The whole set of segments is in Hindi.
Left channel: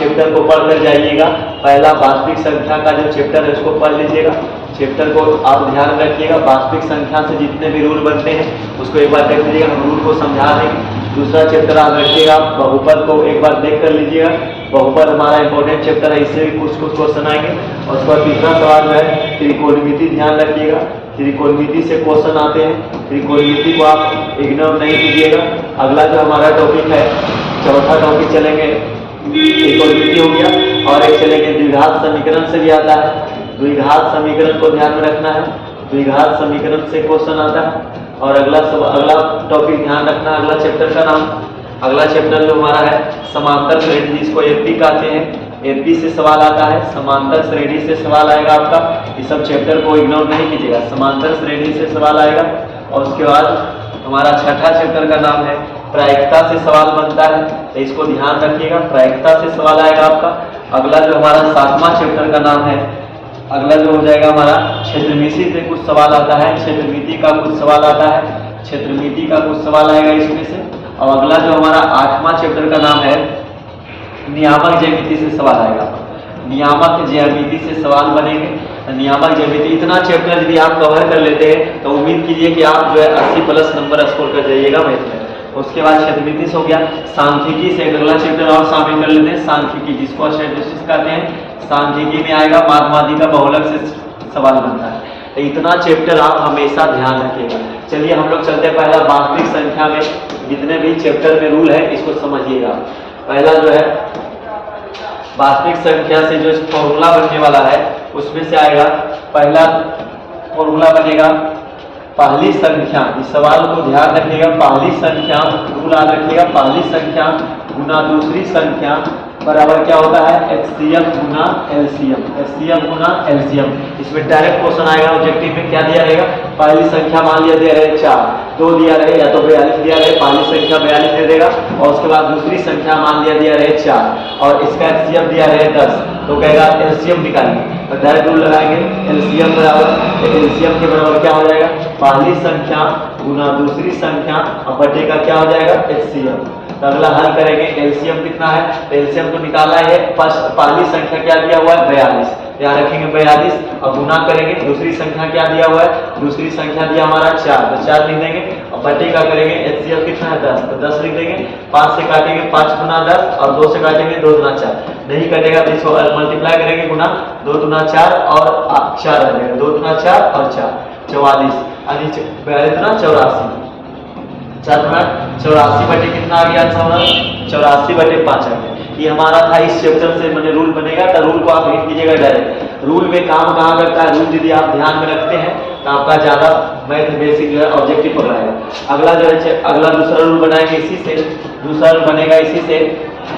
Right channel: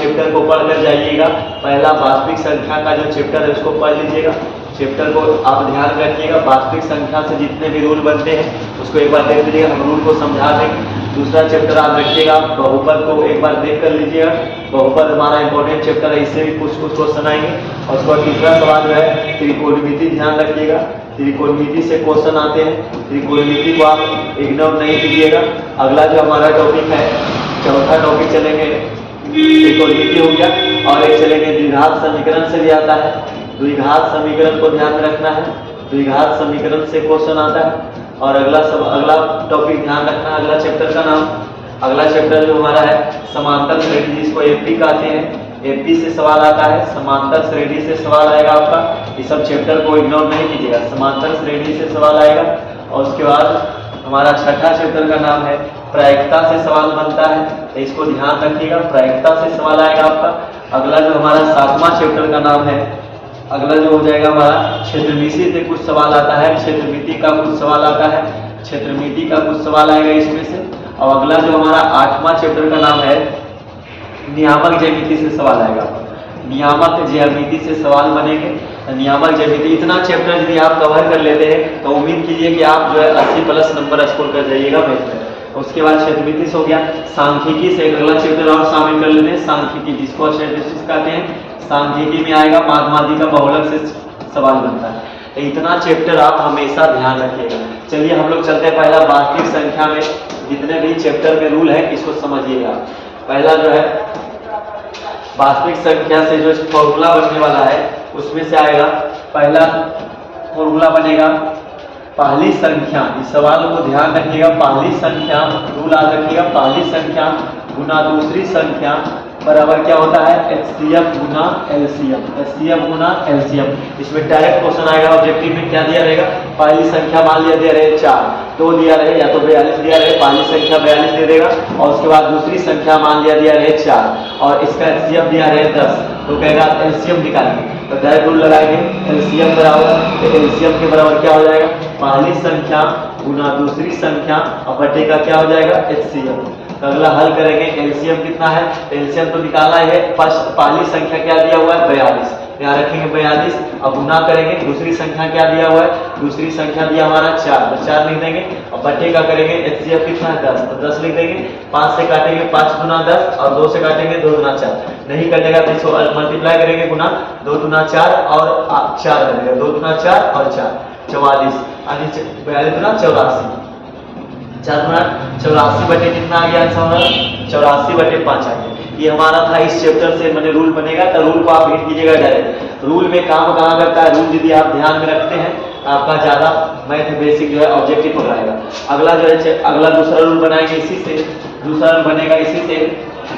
चैप्टर को पढ़कर जाइएगा। पहला वास्तविक संख्या का जो चैप्टर है उसको पढ़ लीजिएगा। चैप्टर को आप ध्यान रखिएगा, वास्तविक संख्या से जितने भी रूल बनते हैं उसको एक बार देख लीजिएगा, हम रूल को समझा देंगे। दूसरा चैप्टर आप रखिएगा, बहुपद को एक बार देख कर लीजिएगा। बहुपद हमारा इंपॉर्टेंट चैप्टर है, इससे भी कुछ क्वेश्चन आएंगे। और उसके बाद तीसरा सवाल जो है त्रिकोणमिति, ध्यान रखिएगा, त्रिकोणमिति से क्वेश्चन आते हैं, त्रिकोणमिति को आप इग्नोर नहीं कीजिएगा। अगला जो हमारा टॉपिक है, चौथा टॉपिक चलेंगे, त्रिकोणमिति हो गया, और एक चलेंगे द्विघात समीकरण से भी आता है। द्विघात समीकरण को ध्यान में रखना है, द्विघात समीकरण से क्वेश्चन आता है। और अगला टॉपिक ध्यान रखना, अगला चैप्टर का नाम, अगला चैप्टर जो हमारा है समांतर श्रेणी, जिसको एपी कहते हैं। एपी से सवाल आता है, समांतर श्रेणी से सवाल आएगा आपका। इस सब चैप्टर को इग्नोर नहीं कीजिएगा, समांतर श्रेणी से सवाल आएगा। और उसके बाद हमारा छठा चैप्टर का नाम है प्रायिकता से सवाल बनता है, तो इसको ध्यान रखिएगा, प्रायिकता से सवाल आएगा आपका। अगला जो हमारा सातवां चैप्टर का नाम है, अगला जो हो जाएगा हमारा क्षेत्रमिति से कुछ सवाल आता है, क्षेत्रमिति का कुछ सवाल आता है, क्षेत्रमिति का कुछ सवाल आएगा इसमें से। और अगला जो हमारा आठवां चैप्टर का नाम है नियामक ज्यामिति से सवाल आएगा, नियामक ज्यामिति से सवाल बनेंगे। नियामक ज्यामिति, इतना चैप्टर यदि आप कवर कर लेते हैं तो उम्मीद कीजिए कि आप जो है 80+ नंबर स्कोर कर जाइएगा मैथ में। उसके बाद क्षेत्रमिति हो गया, सांख्यिकी से अगला चैप्टर और शामिल कर लेते हैं, सांख्यिकी, जिसको स्टैटिस्टिक्स कहते हैं। सांख्यिकी में आएगा माध्यमाधिका बहुलक से सवाल बनता है। तो इतना चैप्टर आप हमेशा ध्यान रखिएगा। चलिए हम लोग चलते हैं पहला वास्तविक संख्या में जितने भी चैप्टर में रूल है इसको समझिएगा। पहला जो है वास्तविक संख्या से जो फॉर्मूला बनने वाला है उसमें से आएगा, पहला फॉर्मूला बनेगा पहली संख्या, इस सवाल को ध्यान रखिएगा, पहली संख्या, रूल याद रखिएगा, पहली संख्या गुना दूसरी संख्या बराबर क्या होता है, HCF गुना LCM, HCF गुना LCM। इसमें डायरेक्ट क्वेश्चन आएगा, ऑब्जेक्टिव में क्या दिया रहेगा, पहली संख्या मान लिया दिया रहे 4, 2 दिया रहे या तो 42 दिया रहे, पहली संख्या 42 दे देगा। और उसके बाद दूसरी संख्या मान लिया दिया रहे 4 और इसका HCF दिया रहे 10, तो कहेगा LCM निकालेंगे। तो डायरेक्ट रूल लगाएंगे, LCM बराबर, तो LCM के बराबर क्या हो जाएगा, पहली संख्या गुना दूसरी संख्या और बटे का क्या हो जाएगा HCF। तो अगला हल करेंगे, एलसीएम कितना है, एलसीएम तो निकाला है, पहली संख्या क्या दिया हुआ है 42, यहाँ रखेंगे 42 और गुना करेंगे, दूसरी संख्या क्या दिया हुआ है, दूसरी संख्या दिया हमारा 4, तो 4 लिख देंगे और बटे का करेंगे, एचसीएफ कितना है 10, तो 10 लिख देंगे। 5 से काटेंगे 5 गुना 10 और 2 से काटेंगे 2 गुना 4, नहीं कटेगा तो इसको मल्टीप्लाई करेंगे, गुना 2 गुना 4 और 4 आ जाएगा, 2 गुना 4 और 4 44, यानी 84, 4 गुना 84 बटे कितना आ गया, 84 बटे 5 आ गया। ये हमारा था इस चैप्टर से, मैंने रूल बनेगा तो रूल को आप हिट कीजिएगा डायरेक्ट। रूल में काम कहाँ करता है, रूल यदि आप ध्यान में रखते हैं तो आपका ज़्यादा मैथ बेसिक जो है ऑब्जेक्टिव पकड़ाएगा। अगला जो है अगला दूसरा रूल बनाएंगे इसी से, दूसरा रूल बनेगा इसी से,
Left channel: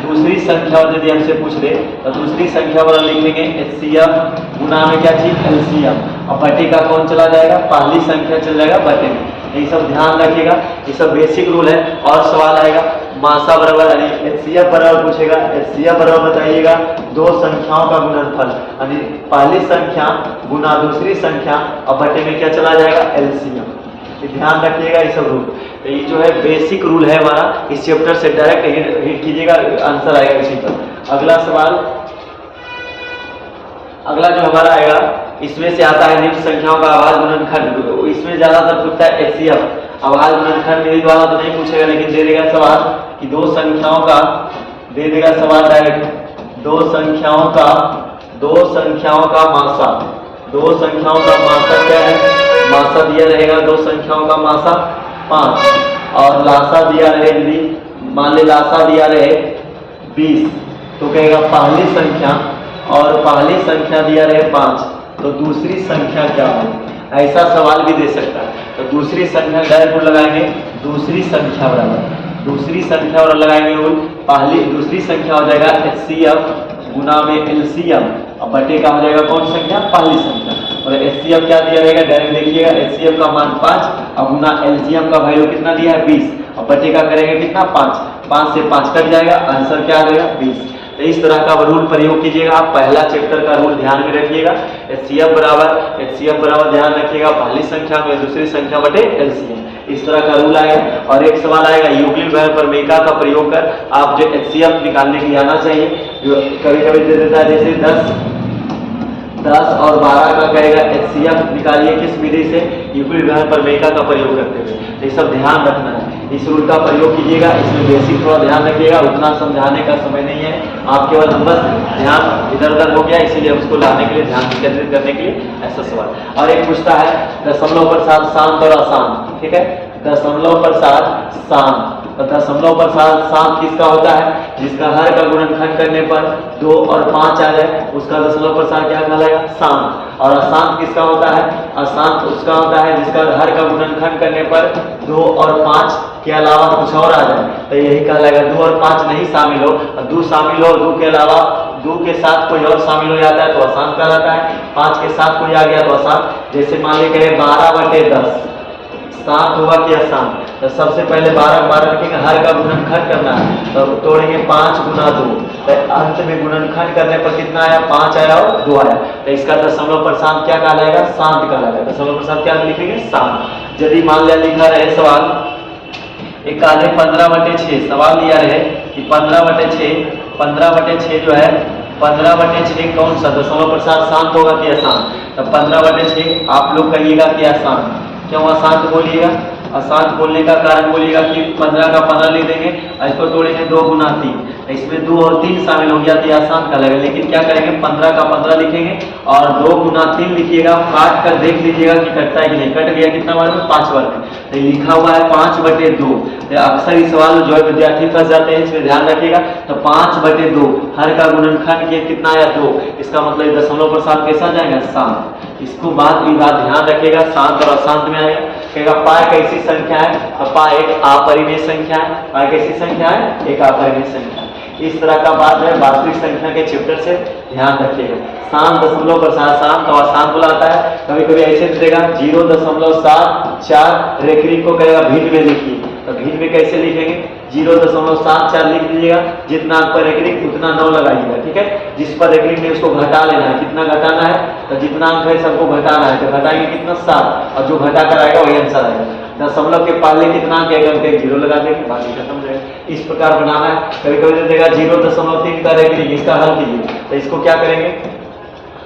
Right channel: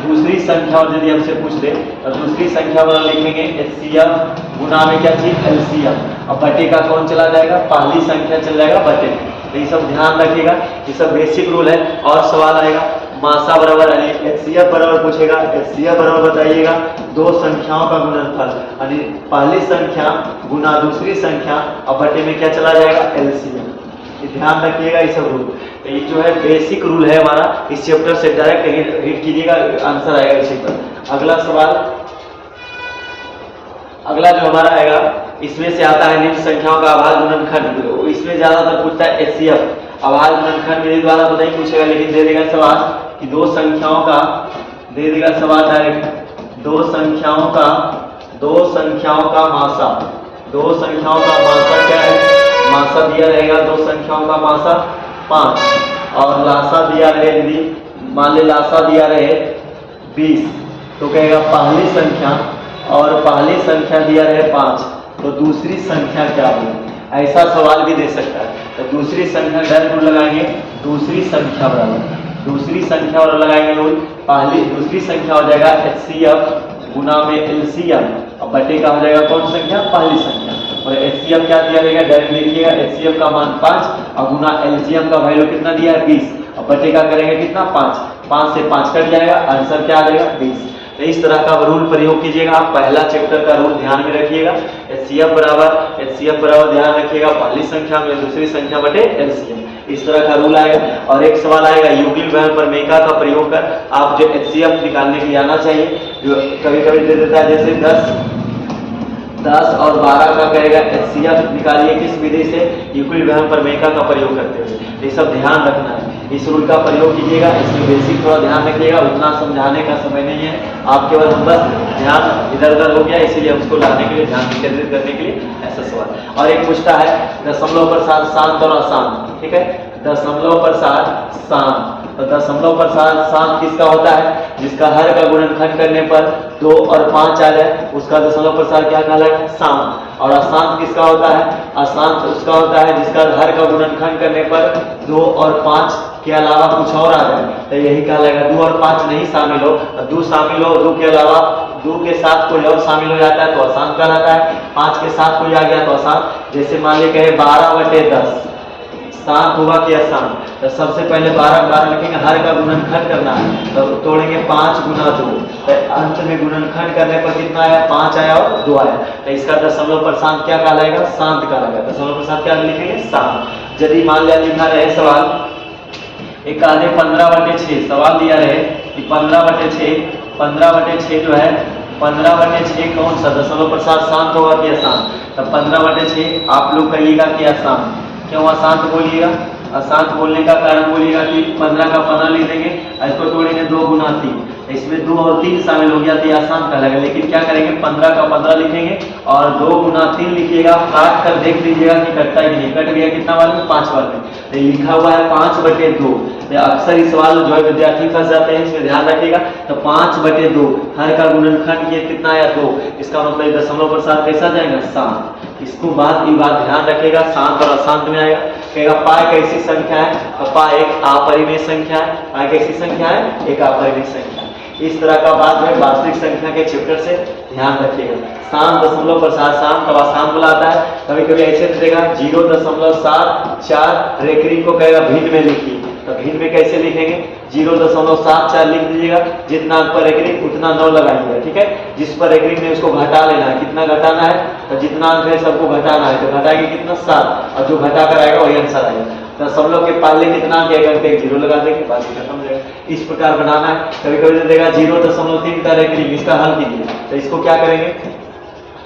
दूसरी संख्या और यदि हमसे पूछ दे तो दूसरी संख्या वाला लिखेंगे HCF गुना में क्या चीज LCM और बटे का कौन चला जाएगा, पहली संख्या चल जाएगा बटे में। तो ये सब ध्यान रखिएगा, ये सब बेसिक रूल है। और सवाल आएगा मासा बराबर यानी HCF बराबर पूछेगा, HCF बराबर बताइएगा दो संख्याओं का गुणनफल, यानी पहली संख्या गुना दूसरी संख्या और बटे में क्या चला जाएगा LCM। ध्यान रखिएगा ये सब रूल, तो ये जो है बेसिक रूल है हमारा, इस चैप्टर से डायरेक्ट हिट कीजिएगा, आंसर आएगा इसी पर। अगला सवाल, अगला जो हमारा आएगा इसमें से आता है निम्न संख्याओं का आभाज्य गुणनखंड, इसमें ज्यादातर पूछता है HCF। आभाज्य गुणनखंड मेरे द्वारा तो नहीं पूछेगा, लेकिन दे देगा सवाल कि दो संख्याओं का, दे देगा सवाल डायरेक्ट, दो संख्याओं का मासा, दो संख्याओं का मासा क्या है, मासा दिया रहेगा दो संख्याओं का मासा 5 और लासा दिया रहे, यदि मान ले लासा दिया रहे 20, तो कहेगा पहली संख्या और पहली संख्या दिया रहे 5 तो दूसरी संख्या क्या हो, ऐसा सवाल भी दे सकता है। तो दूसरी संख्या डायरेक्ट लगाएंगे, दूसरी संख्या बराबर, दूसरी संख्या और लगाएंगे रूल, पहली दूसरी संख्या हो जाएगा HCF गुना में LCM और बटे का हो जाएगा कौन संख्या, पहली संख्या। और HCF क्या दिया रहेगा डायरेक्ट देखिएगा, HCF का मान 5 और गुना LCM का वैल्यू कितना दिया है 20 और बटे का करेंगे कितना 5, 5 से 5 कट जाएगा, आंसर क्या आ जाएगा 20। तो इस तरह का रूल प्रयोग कीजिएगा। आप पहला चैप्टर का रूल ध्यान में रखिएगा, HCF बराबर ध्यान रखिएगा पहली संख्या में दूसरी संख्या बटे LCM, इस तरह का रूल आएगा। और एक सवाल आएगा यूक्लिड बहन प्रमेयिका का प्रयोग कर आप जो HCF निकालने के लिए आना चाहिए, जो कभी कभी दे देता है जैसे 10 और 12 का कहेगा HCF निकालिए किस विधि से, यूक्लिड बहन प्रमेयिका का प्रयोग करते हुए। ये सब ध्यान रखना है, इस रूल का प्रयोग कीजिएगा। इसमें बेसिक थोड़ा ध्यान रखिएगा, उतना समझाने का समय नहीं है, आप केवल हम बस ध्यान इधर उधर हो गया इसीलिए उसको लाने के लिए, ध्यान केंद्रित करने के लिए ऐसा सवाल। और एक पूछता है दशमलव प्रसाद शांत और अशांत, ठीक है, दशमलव प्रसाद शांत, तो दशमलव प्रसाद शांत किसका होता है, जिसका हर का गुणनखंड करने पर 2 और 5 आ जाए उसका दशमलव प्रसाद क्या कहलाएगा, शांत। और अशांत किसका होता है, अशांत उसका होता है जिसका हर का गुणनखंड करने पर 2 और 5 के अलावा कुछ और आ जाए, तो यही कहलाएगा। 2 और 5 नहीं शामिल हो, 2 शामिल हो, 2 के अलावा 2 के साथ कोई और शामिल हो जाता है तो अशांत कहलाता है, 5 के साथ कोई आ गया तो अशांत। जैसे मान लीजिए कहे 12/10 शांत हुआ कि अशांत, तो सबसे पहले 12 लिखेंगे, हर का गुणनखंड करना है तो तोड़ेंगे 5 गुना 2, तो अंत में गुणनखंड करने पर कितना आया, 5 आया और 2 आया, तो इसका दशमलव प्रशांत क्या कहलाएगा, शांत कहलाएगा। दशमलव प्रशांत क्या लिखेंगे, शांत। यदि मान लिया लिखा रहे सवाल एक आधे 15/6 सवाल दिया रहे कि 15/6 जो है 15/6 कौन सा दशमलव प्रसाद शांत होगा कि अशांत, तो 15/6 आप लोग कहिएगा कि अशांत। क्यों अशांत बोलिएगा, अशांत बोलने का कारण बोलिएगा कि 15 का 15 लिख देंगे, इसको तोड़ेंगे 2 गुना 3, इसमें 2 और 3 शामिल हो गया तो आसान कहलाएगा। लेकिन क्या करेंगे 15 का 15 लिखेंगे और 2 गुना 3 लिखिएगा, काट कर देख लीजिएगा कि कटता है कि नहीं, कट गया कितना बार में, 5 बार में, तो लिखा हुआ है 5/2। तो अक्सर इस सवाल जो है विद्यार्थी फंस जाते हैं, इसमें ध्यान रखिएगा। तो 5/2 हर का गुणनखंड किया कितना आया 2, इसका मतलब दशमलव प्रसाद कैसा जाएगा, शांत। इसको बात ध्यान रखिएगा, शांत और अशांत में आएगा। कहेगा पाई कैसी संख्या है, तो पाई एक अपरिमेय संख्या है, पाई कैसी संख्या है, एक अपरिमेय संख्या। इस तरह का बात है वास्तविक संख्या के चैप्टर से ध्यान रखिएगा। शांत दशमलव प्रसाद शांत और अशांत बुलाता है, कभी कभी ऐसे देगा 0.74 रेखरी को कहेगा भिन्न में लिखिए, तो भिन्न में कैसे लिखेंगे, 0.74 लिख दीजिएगा, जितना अंक पर रेखरी उतना 9 लगाइएगा, ठीक है। जिस पर रेखरी में उसको घटा लेना है, कितना घटाना है, तो जितना अंक है सबको घटाना है, तो घटाएंगे कितना 7, और जो घटा कर आएगा वही आंसर आएगा। दशमलव के पहले कितना अंक एक अंक 0 लगा देंगे, बाकी खत्म हो जाएगा। इस प्रकार बनाना है। कभी कभी दे देगा 0.3 का रेखरी, इसका हल कीजिए, तो इसको क्या करेंगे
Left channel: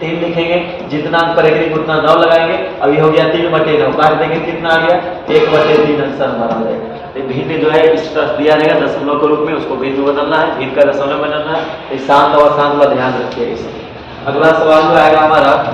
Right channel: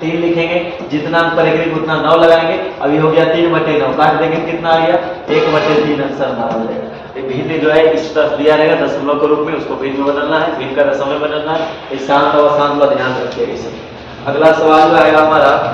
3 लिखेंगे, जितना अंक पर रेखरी उतना 9 लगाएंगे, अभी हो गया 3/9, काट देंगे कितना आ गया 1/3 आंसर हमारा हो जाएगा। भिन्न जो है इस तरह दिया रहेगा दशमलव के रूप में, उसको भिन्न में बदलना है, भिन्न का दशमलव बदलना है। इस शांत और अशांत का ध्यान रखिएगा। अगला सवाल जो आएगा हमारा,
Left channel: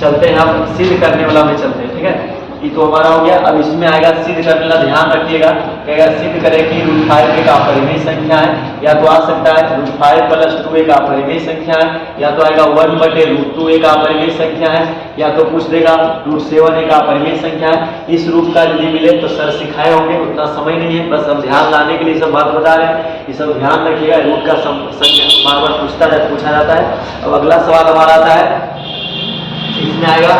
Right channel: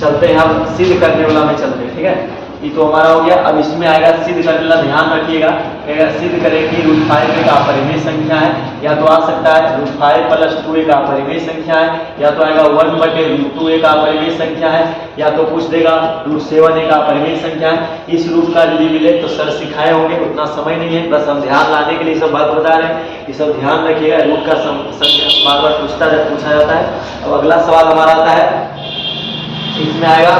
चलते हैं हम सिद्ध करने वाला में चलते हैं, ठीक है। ये तो हमारा हो गया। अब इसमें आएगा सिद्ध करने वाला, ध्यान रखिएगा। कहेगा सिद्ध करें कि √5 एक अपरिमेय संख्या है, या तो आ सकता है √5 + 2 एक अपरिमेय संख्या है, या तो आएगा 1/√2 एक अपरिमेय संख्या है, या तो पूछ देगा √7 एक अपरिमेय संख्या है। इस रूप का यदि मिले तो सर सिखाए होंगे, उतना समय नहीं है, बस हम ध्यान लाने के लिए सब बात बता रहे हैं। ये सब ध्यान रखिएगा, रूप का संख्या बार बार पूछा जाता है। अब अगला सवाल हमारा आता है, इसमें आएगा,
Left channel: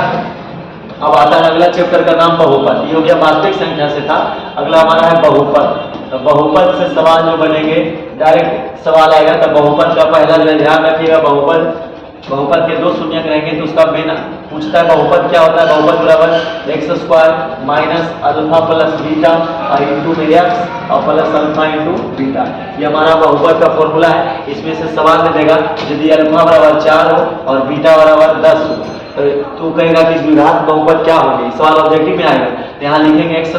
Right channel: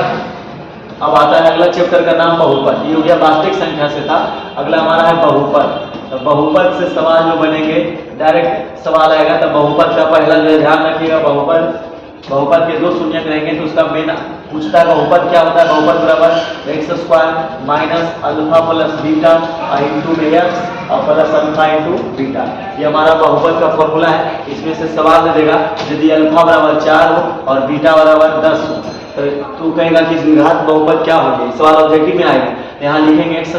अब आता है अगला चैप्टर का नाम बहुपद। ये हो गया वास्तविक संख्या से था, अगला हमारा है बहुपद। तो बहुपद से सवाल जो बनेंगे, डायरेक्ट सवाल आएगा। तो बहुपद का पहला जो ध्यान रखिएगा, बहुपद के 2 शून्यक रहेंगे तो उसका मेन पूछता है बहुपद क्या होता है। बहुपद बराबर x² - अल्फा + बीटा इंटू में x और प्लस अल्फा इंटू बीटा, ये हमारा बहुपद का फॉर्मूला है। इसमें से सवाल दे देगा यदि अल्फा बराबर 4 हो और बीटा बराबर 10 हो, तो तू कहेगा कि द्विघात बहुपद क्या होंगे, सवाल ऑब्जेक्टिव में आएगा। यहाँ लिखेंगे x² -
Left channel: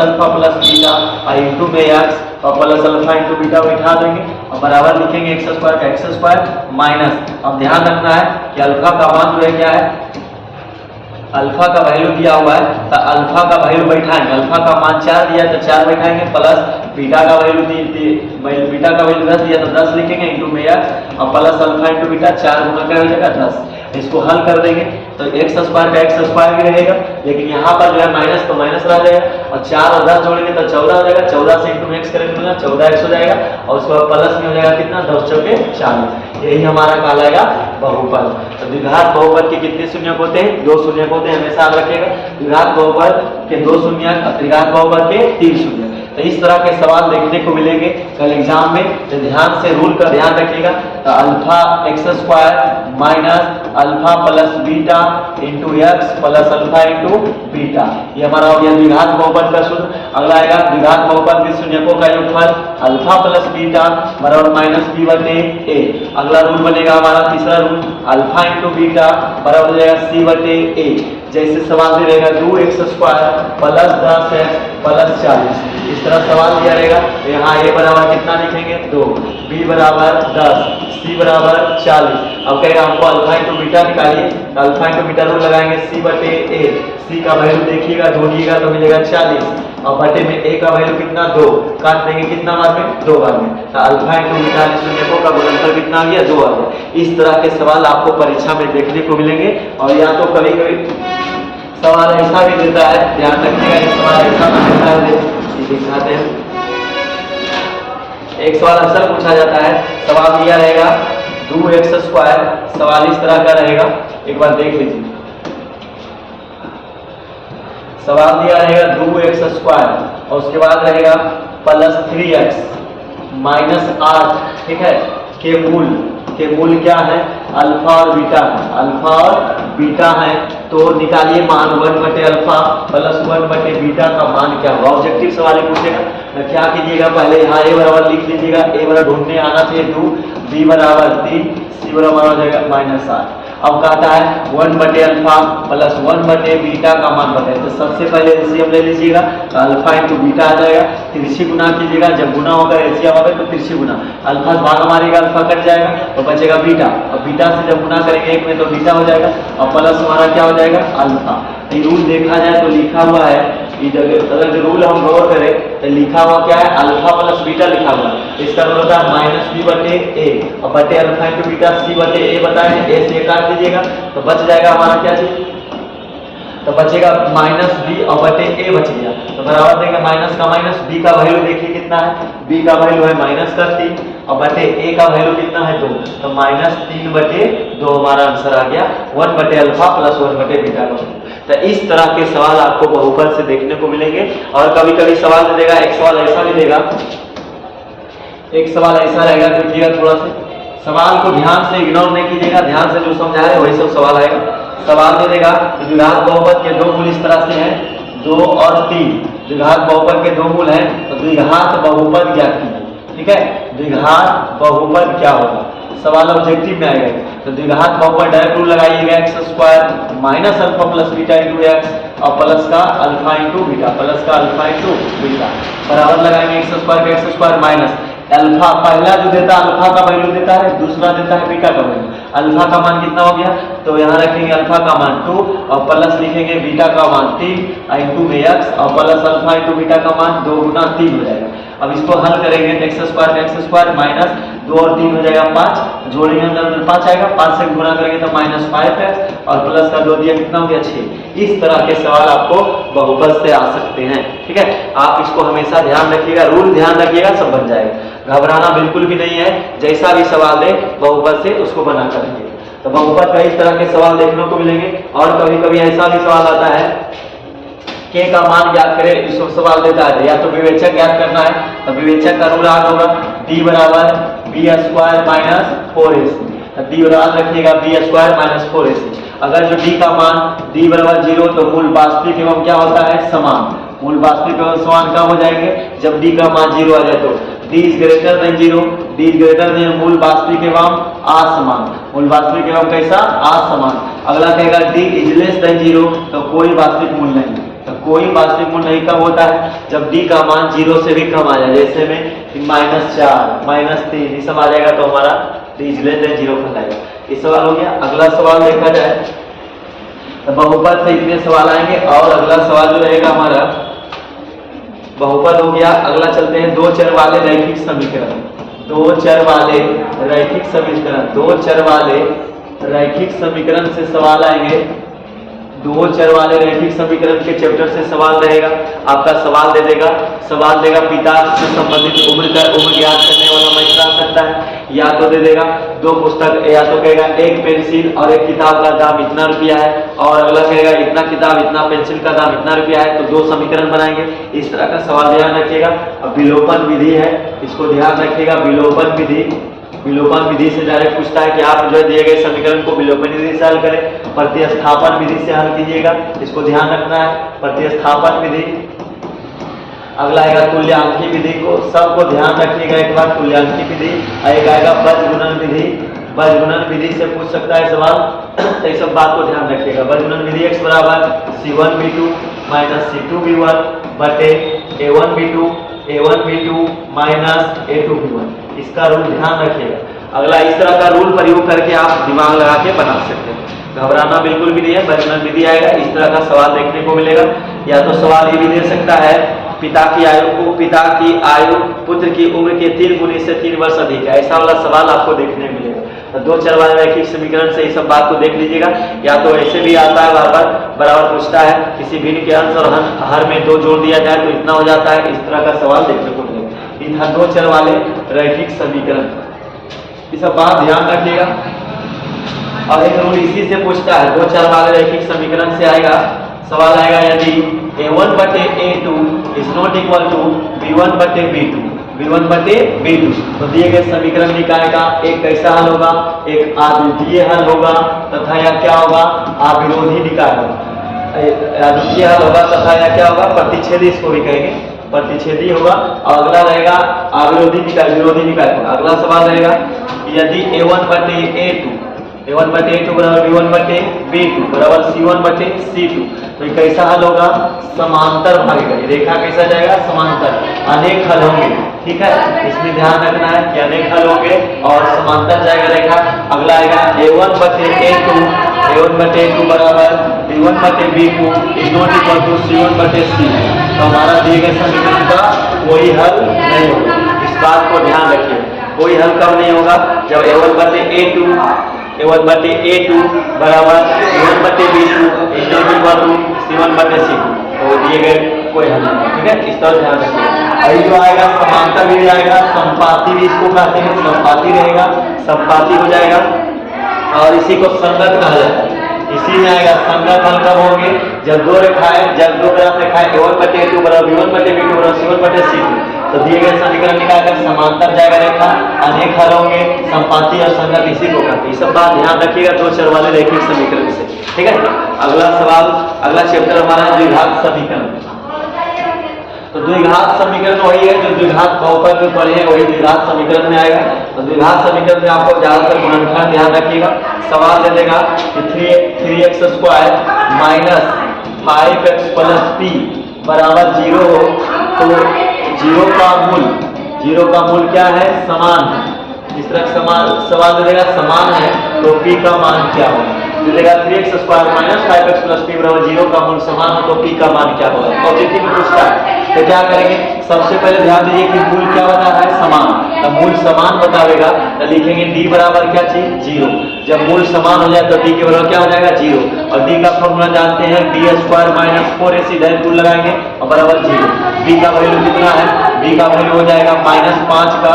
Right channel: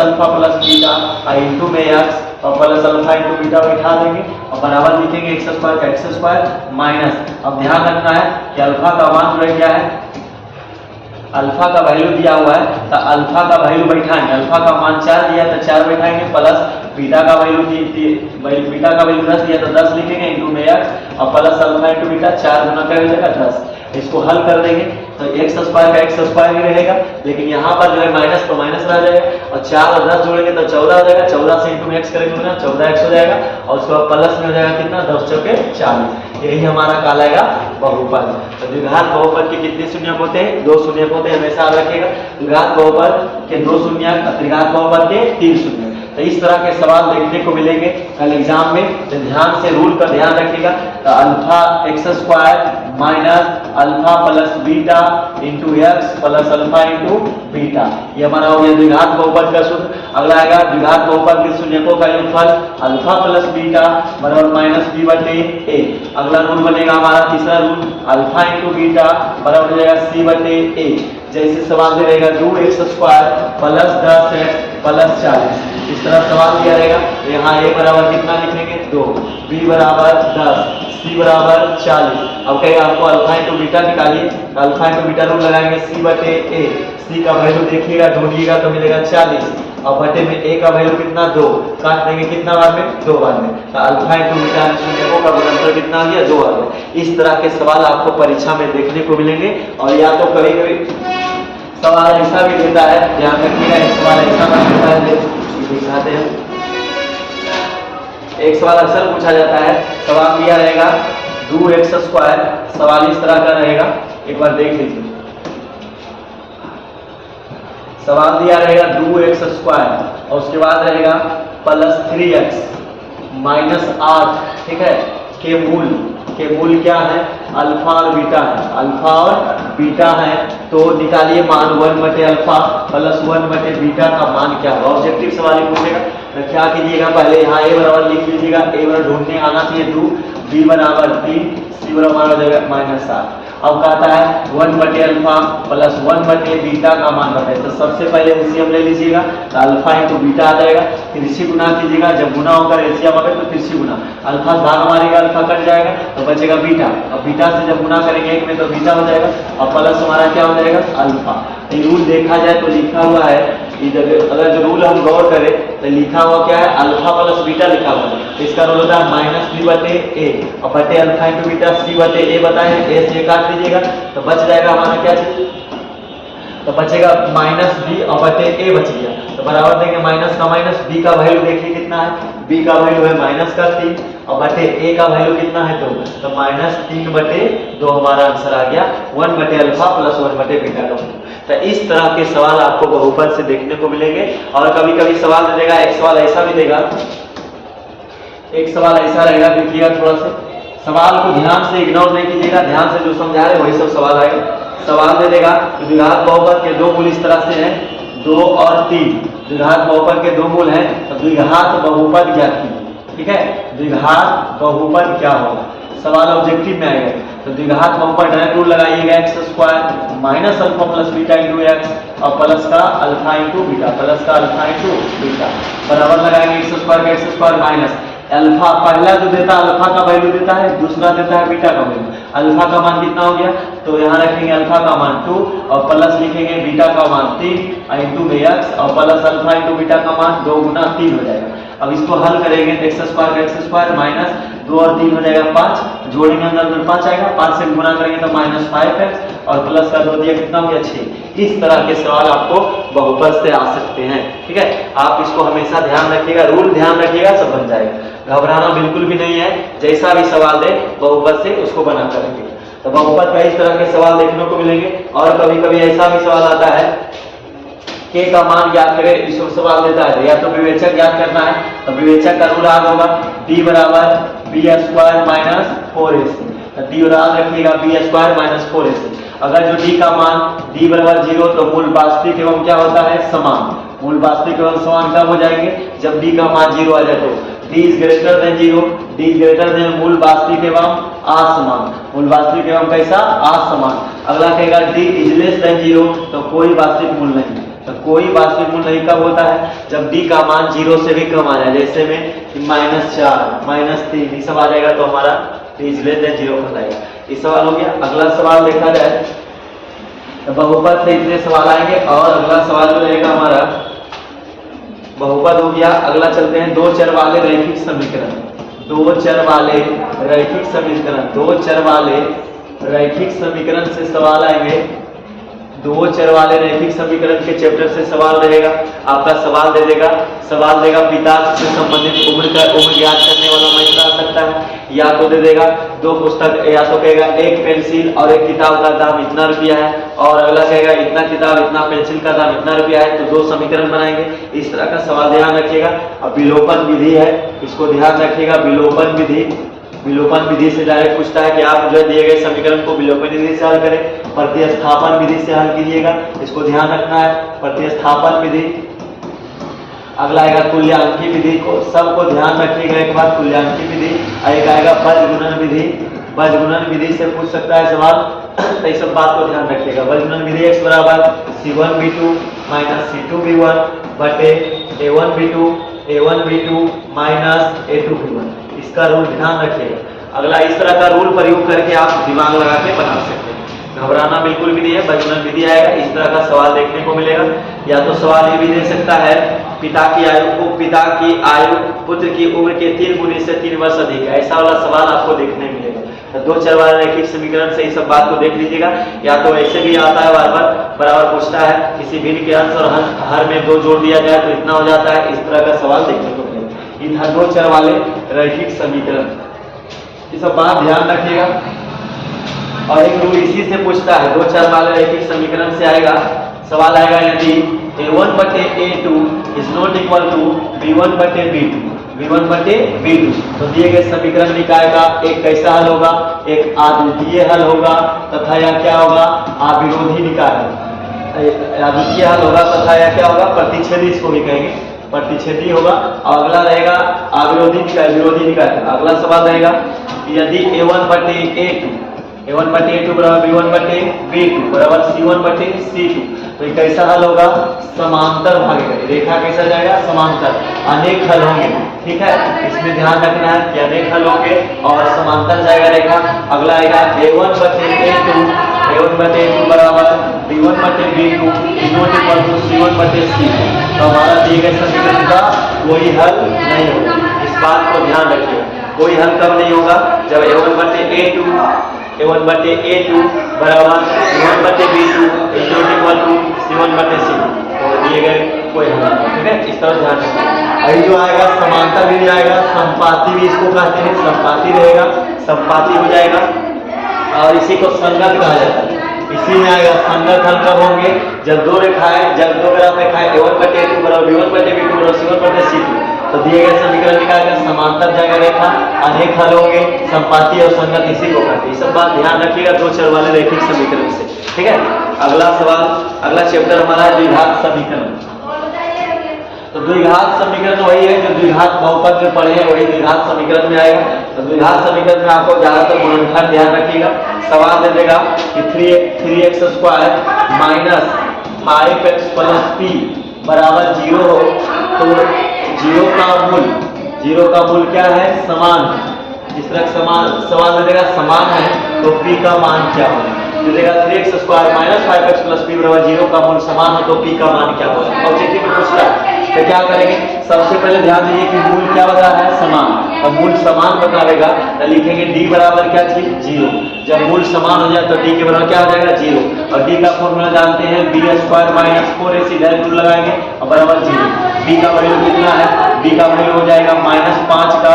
अल्फा + बीटा इंटू में x और प्लस अल्फा इंटू बीटा बैठा देंगे और बराबर लिखेंगे x² का x² माइनस। अब ध्यान रखना है कि अल्फा का मान जो है क्या है, अल्फा का वैल्यू दिया हुआ है तो अल्फा का वैल्यू बैठाएंगे। अल्फा का मान 4 दिया तो 4 बैठाएंगे, प्लस बीटा का वैल्यू बीटा का वैल्यू 10 दिया तो 10 लिखेंगे इंटू में x और प्लस अल्फा इंटू बीटा, 4 गुना क्या हो जाएगा 10। इसको हल कर देंगे तो x² का x² भी रहेगा, लेकिन यहाँ पर जो है माइनस तो माइनस रह जाएगा और 4 और 10 जोड़ेंगे तो 14 हो जाएगा। 14 से इंटू में x करेंगे ना 14x हो जाएगा और उसके बाद प्लस में हो जाएगा कितना 2 चौके 40। यही हमारा कहलाएगा बहुपद। तो द्विघात बहुपद के कितने शून्यक होते हैं, 2 शून्यक होते हैं, हमेशा याद रखिएगा। द्विघात बहुपद के 2 शून्यक, त्रिघात बहुपद के 3 शून्यक। तो इस तरह के सवाल देखने को मिलेंगे कल एग्जाम में, तो ध्यान से रूल का ध्यान रखिएगा। तो alpha x square minus alpha plus beta into x plus alpha into beta, ये हमारा हो गया द्विघात बहुपद का सूत्र। अगला आएगा द्विघात बहुपद के शून्यकों का योगफल अल्फा प्लस बीटा बराबर माइनस बी बटे ए। अगला रूल बनेगा हमारा तीसरा रूल अल्फा इंटू बीटा बराबर हो जाएगा सी बटे ए। जैसे सवाल में रहेगा 2x square plus 10x plus 40, इस तरह सवाल दिया रहेगा तो यहाँ a बराबर कितना लिखेंगे 2, b बराबर 10, c बराबर 40। अब कहेगा आपको अल्फा इंटू बीटा निकालिए, तो अल्फा इंटू बीटा रूल लगाएंगे c बटे a, c का वैल्यू देखिएगा ढूंढिएगा तो मिलेगा 40 और बटे में a का वैल्यू कितना 2, काट देंगे कितना बार में 2 बार में, तो अल्फा इंटू बीटा शून्यकों का गुणनफल कितना आ गया 2 आ गया। इस तरह के सवाल आपको परीक्षा में देखने को मिलेंगे। और या तो कभी कभी सवाल ऐसा भी देता है, ध्यान रखिएगा एक सवाल ऐसा देता है, दिखाते हैं। एक सवाल अक्सर पूछा जाता है, सवाल दिया रहेगा 2x स्क्वायर, सवाल इस तरह का रहेगा, एक बार देख लीजिए। सवाल दिया रहेगा 2x स्क्वायर और उसके बाद रहेगा प्लस 3x माइनस 8, ठीक है, के मूल क्या है अल्फा और बीटा है, अल्फा और बीटा है, तो निकालिए मान 1 बटे अल्फा प्लस 1 बटे बीटा का मान क्या होगा। ऑब्जेक्टिव सवाल ही पूछेगा, तो क्या कीजिएगा पहले यहाँ a बराबर लिख लीजिएगा, a बराबर ढूंढने आना चाहिए 2, b बराबर 3, c बराबर हो जाएगा माइनस 8। अब कहता है 1 बटे अल्फा प्लस 1 बटे बीटा का मान बताए, तो सबसे पहले एलसीएम ले लीजिएगा, तो अल्फा इंटू बीटा आ जाएगा, तिरछी गुना कीजिएगा, जब गुना होगा एलसीएम आवे तो तिरछी गुना, अल्फा भाग मारेगा अल्फा कट जाएगा तो बचेगा बीटा, और बीटा से जब गुना करेंगे एक में तो बीटा हो जाएगा और प्लस हमारा क्या हो जाएगा अल्फा। तो ये रूल देखा जाए तो लिखा हुआ है इधर, अगर जो रूल हम गौर करें तो लिखा हुआ क्या है अल्फा प्लस बीटा लिखा हुआ है, इसका रूल होता है माइनस बी बटे ए और बटे अल्फा इंटू बीटा सी बटे ए बताए, ए से काट दीजिएगा तो बच जाएगा हमारा क्या चीज, तो बचेगा माइनस बी और बटे ए बच गया, तो बराबर देंगे माइनस का माइनस, बी का वैल्यू देखिए कितना है, बी का वैल्यू है माइनस का 3 और बटे ए का वैल्यू कितना है 2, तो माइनस 3 बटे 2 हमारा आंसर आ गया 1 बटे अल्फा प्लस 1 बटे बीटा का। तो इस तरह के सवाल आपको बहुपद से देखने को मिलेंगे। और कभी कभी सवाल दे देगा, एक सवाल ऐसा भी देगा, एक सवाल ऐसा रहेगा, देखिएगा थोड़ा से सवाल को ध्यान से इग्नोर नहीं कीजिएगा, ध्यान से जो समझा रहे वही सब सवाल आएगा। सवाल दे देगा कि द्विघात बहुपद के 2 मूल इस तरह से हैं 2 और 3, द्विघात बहुपद के 2 मूल हैं तो द्विघात बहुपद ज्ञात कीजिए, ठीक है, द्विघात बहुपद क्या होगा, सवाल ऑब्जेक्टिव में आएगा। तो द्विघात बहुपद डायरेक्ट रूल लगाइएगा x square minus alpha plus beta into x और प्लस का अल्फा इंटू बीटा, प्लस का अल्फा इंटू बीटा बराबर लगाएंगे एक्स स्क्वायर माइनस अल्फा, पहला जो देता है अल्फा का वैल्यू देता है, दूसरा देता है बीटा का वैल्यू। अल्फा का मान कितना हो गया, तो यहाँ रखेंगे अल्फा का मान 2 और प्लस लिखेंगे बीटा का मान 3 इंटू में एक्स और प्लस अल्फा इंटू बीटा का मान 2 गुना 3 हो जाएगा। अब इसको हल करेंगे एक्स स्क्वायर माइनस 2 और 3 हो जाएगा 5, जोड़ेंगे अंदर 5 आएगा, 5 से गुना करेंगे तो माइनस 5x और प्लस का 2 दिया कितना हो गया 6। इस तरह के सवाल आपको बहुपद से आ सकते हैं, ठीक है, आप इसको हमेशा ध्यान रखिएगा, रूल ध्यान रखिएगा, सब बन जाएगा, घबराना बिल्कुल भी नहीं है, जैसा भी सवाल दे बहुपद से उसको बना करेंगे। तो बहुपद का इस तरह के सवाल देखने को मिलेंगे। और कभी कभी ऐसा भी सवाल आता है के का मान ज्ञात करें, इसको सवाल देता है या तो विवेचक ज्ञात करना है, तो विवेचक का रूल याद होगा d बराबर B square minus 4ac, D याद रखिएगा बी स्क्वायर माइनस 4ac। अगर जो d का मान d बराबर 0 तो मूल वास्तविक एवं क्या होता है समान, मूल वास्तविक एवं समान कब हो जाएंगे, जब d का मान 0 आ जाए, तो d is greater than 0, d is greater than मूल वास्तविक एवं असमान, मूल वास्तविक एवं कैसा असमान। अगला कहेगा d इज लेस देन 0, तो कोई वास्तविक मूल नहीं, तो कोई वास्तविक मूल नहीं कब होता है, जब d का मान 0 से भी कम आ जाए, जैसे में -4 -3 ये सब आ जाएगा तो हमारा d इज लेस देन 0 बन जाएगा। ये सवाल हो गया। अगला सवाल देखा जाए तो बहुपद से इतने सवाल आएंगे। और अगला सवाल जो रहेगा हमारा बहुपद हो गया। अगला चलते हैं 2 चर वाले रैखिक समीकरण, 2 चर वाले रैखिक समीकरण, 2 चर वाले रैखिक समीकरण से सवाल आएंगे। दो चर वाले रैखिक समीकरण के चैप्टर से सवाल रहेगा। आपका सवाल देगा पिता से संबंधित उम्र ज्ञात करने वाला महीना आ सकता है, या तो दे देगा दो पुस्तक, या तो कहेगा एक पेंसिल और एक किताब का दाम इतना रुपया है, और अगला कहेगा इतना किताब इतना पेंसिल का दाम इतना रुपया है, तो दो समीकरण बनाएंगे। इस तरह का सवाल ध्यान रखिएगा। अब विलोपन विधि है, इसको ध्यान रखिएगा। विलोपन विधि से डायरेक्ट पूछता है कि आप जो दिए गए समीकरण को विलोपन विधि से हल करें, प्रतिस्थापन विधि से हल कीजिएगा, इसको ध्यान रखना है। प्रतिस्थापन विधि, अगला आएगा तुल्यांकी विधि, को सबको ध्यान रखिएगा एक बार। तुल्यांकी विधि, एक आएगा बजगुणन विधि। बजगुणन विधि से पूछ सकता है सवाल, तो इस सब बात को ध्यान रखिएगा। बजगुणन विधि x बराबर C1V2 माइनस C2V1 बटे A1V2 माइनस A2V1, इसका रूल ध्यान रखिएगा। अगला इस तरह का रूल प्रयोग करके आप दिमाग लगा के बना सकते हैं, घबराना बिल्कुल भी नहीं है। बजगुणन विधि आएगा, इस तरह का सवाल देखने को मिलेगा। या तो सवाल ये भी दे सकता है पिता की आयु पुत्र की उम्र के 3 गुने से 3 वर्ष अधिक है, ऐसा वाला सवाल आपको देखने मिलेगा। तो दो चर वाले रैखिक समीकरण से इस सब बात को देख लीजिएगा। या तो ऐसे भी आता है, बराबर पूछता है किसी भिन्न के अंश और हर में 2 जोड़ दिया जाए तो इतना हो जाता है, इस तरह का सवाल देखने को मिलेगा। इन दो चर वाले रैखिक समीकरण, ये सब बात ध्यान रखिएगा। और एक रूल इसी से पूछता है, दो चर वाले रैखिक समीकरण से आएगा सवाल आएगा, यदि A1 बटे A2 is not equal to B1 बटे B2, तो दिए गए समीकरण निकाय का एक कैसा हल होगा, एक अद्वितीय हल होगा तथा या क्या होगा, अविरोधी निकाय होगा। अद्वितीय हल होगा तथा या क्या होगा, प्रतिच्छेदी, इसको भी कहेंगे प्रतिच्छेदी होगा। और अगला रहेगा अविरोधी निकाय, विरोधी निकाय। अगला सवाल रहेगा यदि A1 बटे A2 बराबर B1 बटे B2 बराबर C1 बटे C2, तो ये कैसा हल होगा, समांतर भागेगा। रेखा कैसा जाएगा, समांतर, अनेक हल होंगे। ठीक है, इसमें ध्यान रखना है कि अनेक हल होंगे और समांतर जाएगा रेखा। अगला आएगा A1 बटे A2 बराबर B1 बटे B2 is not equal to C1 बटे C2, तो हमारा दिए गए समीकरण का कोई हल नहीं होगा। इस बात को ध्यान रखिए, कोई हल कब नहीं होगा, जब A1 बटे A2 बराबर B1 बटे B2 is not equal to C1 बटे C2, तो दिए गए कोई हल नहीं। ठीक है, इस तरह ध्यान रखिए। अभी जो आएगा समांतर भी जाएगा, संपाती भी इसको कहते हैं, संपाती रहेगा, संपाती हो जाएगा, और इसी को संगत कहा जाता है। इसी में आएगा संगत हल कब होंगे, जब दो ग्राफ रेखाएं A1 बटे A2 बराबर B1 बटे B2 बराबर C1 बटे C2, तो दिए गए समीकरण निकालकर समांतर जाएगा रेखा, अनेक हल होंगे, संपाती और संगत इसी को कहते हैं। ये सब बात ध्यान रखिएगा दो चर वाले रैखिक समीकरण से। ठीक है, अगला सवाल, अगला चैप्टर हमारा है द्विघात समीकरण। तो द्विघात समीकरण वही है जो द्विघात बहुपद में पढ़े हैं, वही द्विघात समीकरण में आएगा। तो द्विघात समीकरण में आपको ज्यादातर गुणनखंड ध्यान रखिएगा। सवाल दे देगा कि 3x² minus 5x plus p बराबर 0 हो, तो 0 का मूल क्या है, समान है। जिस तरह सवाल दे देगा समान है, तो p का मान क्या होगा, दे देगा 3x² minus 5x plus p बराबर 0 का मूल समान हो, तो p का मान क्या होगा। ऑब्जेक्टिव में पूछता है, तो क्या करेंगे, सबसे पहले ध्यान दीजिए कि मूल क्या बता रहा है, समान। अब मूल समान बतावेगा तो लिखेंगे d बराबर क्या चीज, 0। जब मूल समान हो जाए तो d के बराबर क्या हो जाएगा, 0। और d का फॉर्मूला जानते हैं, b² माइनस 4ac, इधर रूल लगाएंगे और बराबर 0। b का वैल्यू कितना है, b का वैल्यू हो जाएगा -5 का,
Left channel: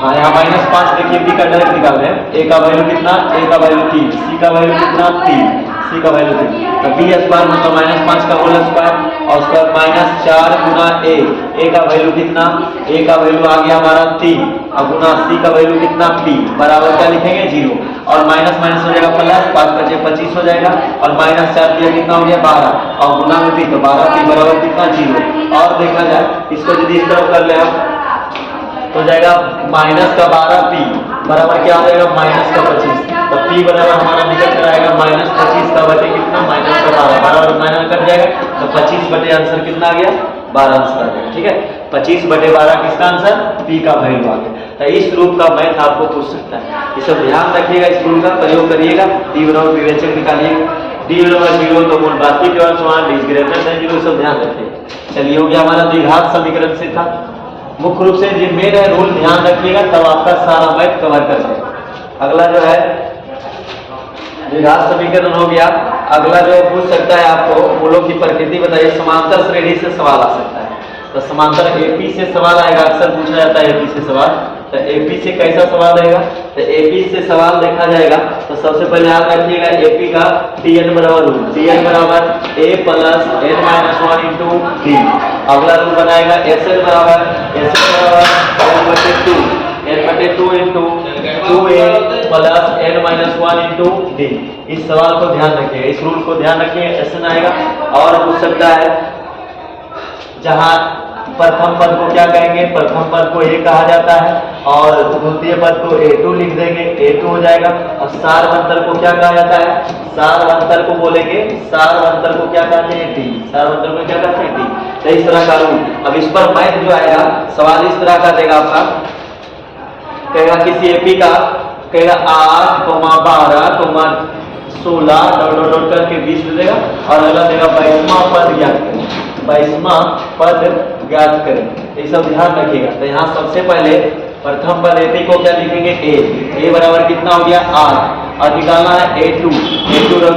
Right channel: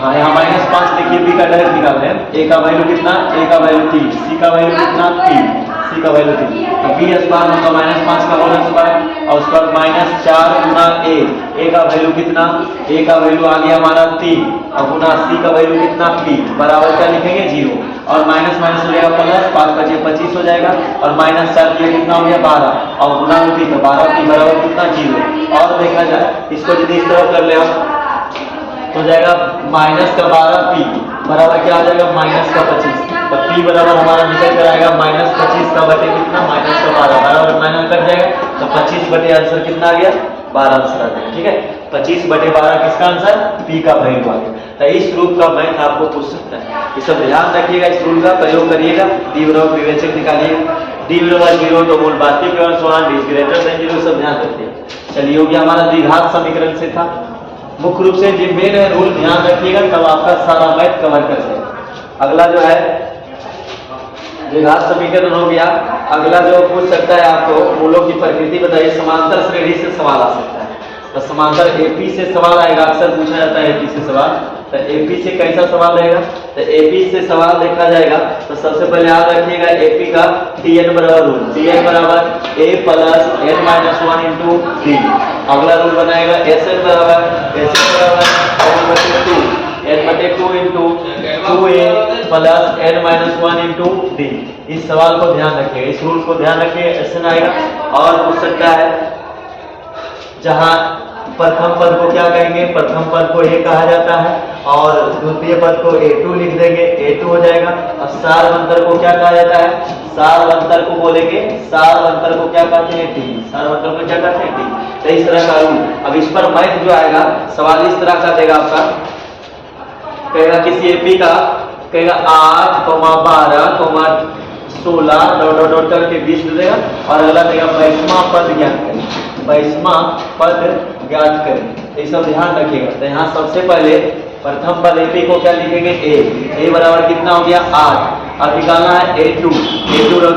हाँ यहाँ -5 देखिए, b का डायरेक्ट निकाल रहे हैं। a का वैल्यू कितना, a का वैल्यू 3, c का वैल्यू कितना 3, c का वैल्यू 3, तो b² मतलब -5 का होल स्क्वायर और उसका -4 गुना a का वैल्यू कितना, a का वैल्यू आ गया हमारा 3 और गुना c का वैल्यू कितना p बराबर क्या लिखेंगे 0, और माइनस माइनस हो जाएगा प्लस, 5 बचे 25 हो जाएगा, और -4 किया कितना हो गया 12 और गुना में p, तो 12p बराबर कितना 0। और देखा जाए इसको यदि इस तरफ कर ले हम तो जाएगा -12p बराबर क्या हो जाएगा, -25, तो p बराबर हमारा निकल कर आएगा -25 का बटे कितना, -12 बराबर माइनस कट जाएगा, तो 25 बटे आंसर कितना आ गया, 12 आंसर आ गया। ठीक है, 25 बटे 12 किसका आंसर, p का वैल्यू आ गया। तो इस रूप का मैथ आपको पूछ सकता है, ये सब ध्यान रखिएगा, इस रूल का प्रयोग करिएगा। d बराबर विवेचक निकालिएगा, d बराबर 0 तो मूल बाती के समान, d ग्रेटर देन 0, सब ध्यान रखिएगा। चलिए, हो गया हमारा द्विघात समीकरण से था। मुख्य रूप से जो मेन है रूल ध्यान रखिएगा, तब आपका सारा मैथ कवर कर जाएगा। अगला जो है द्विघात समीकरण हो गया। अगला जो पूछ सकता है आपको मूलों की प्रकृति बताइए। समांतर श्रेणी से सवाल आ सकता है, तो समांतर एपी से सवाल आएगा, अक्सर पूछा जाता है एपी से सवाल। तो एपी से कैसा सवाल रहेगा, तो एपी से सवाल देखा जाएगा तो सबसे पहले याद रखिएगा एपी का टीएन बराबर रूल, टीएन बराबर a plus n minus one into d. अगला रूल बनाएगा एस एन बराबर एन बटे two into two a plus n minus one into d. इस सवाल को ध्यान रखिएगा, इस रूल को ध्यान रखिए, एस एन आएगा। और पूछ सकता है जहां प्रथम पद को क्या कहेंगे, प्रथम पद को ए कहा जाता है और द्वितीय पद को a2 लिख देंगे, a2 हो जाएगा। और सारवंतर को क्या कहा जाता है, सारवंतर को बोलेंगे, सारवंतर को क्या कहते हैं, टी। सारवंतर को क्या कहते हैं, टी। तो इस तरह का रूल। अब इस पर मैथ जो आएगा सवाल इस तरह का देगा आपका, कहेगा किसी एपी का, कहेगा 8, 12, 16 डॉट डॉट करके 20 दे देगा और अगला देगा 22वां पद ज्ञात करें, 22वां पद ज्ञात करें। ये सब ध्यान रखिएगा। तो यहाँ सबसे पहले प्रथम पद एपी को क्या लिखेंगे, ए बराबर कितना हो गया 8 और निकालना है a2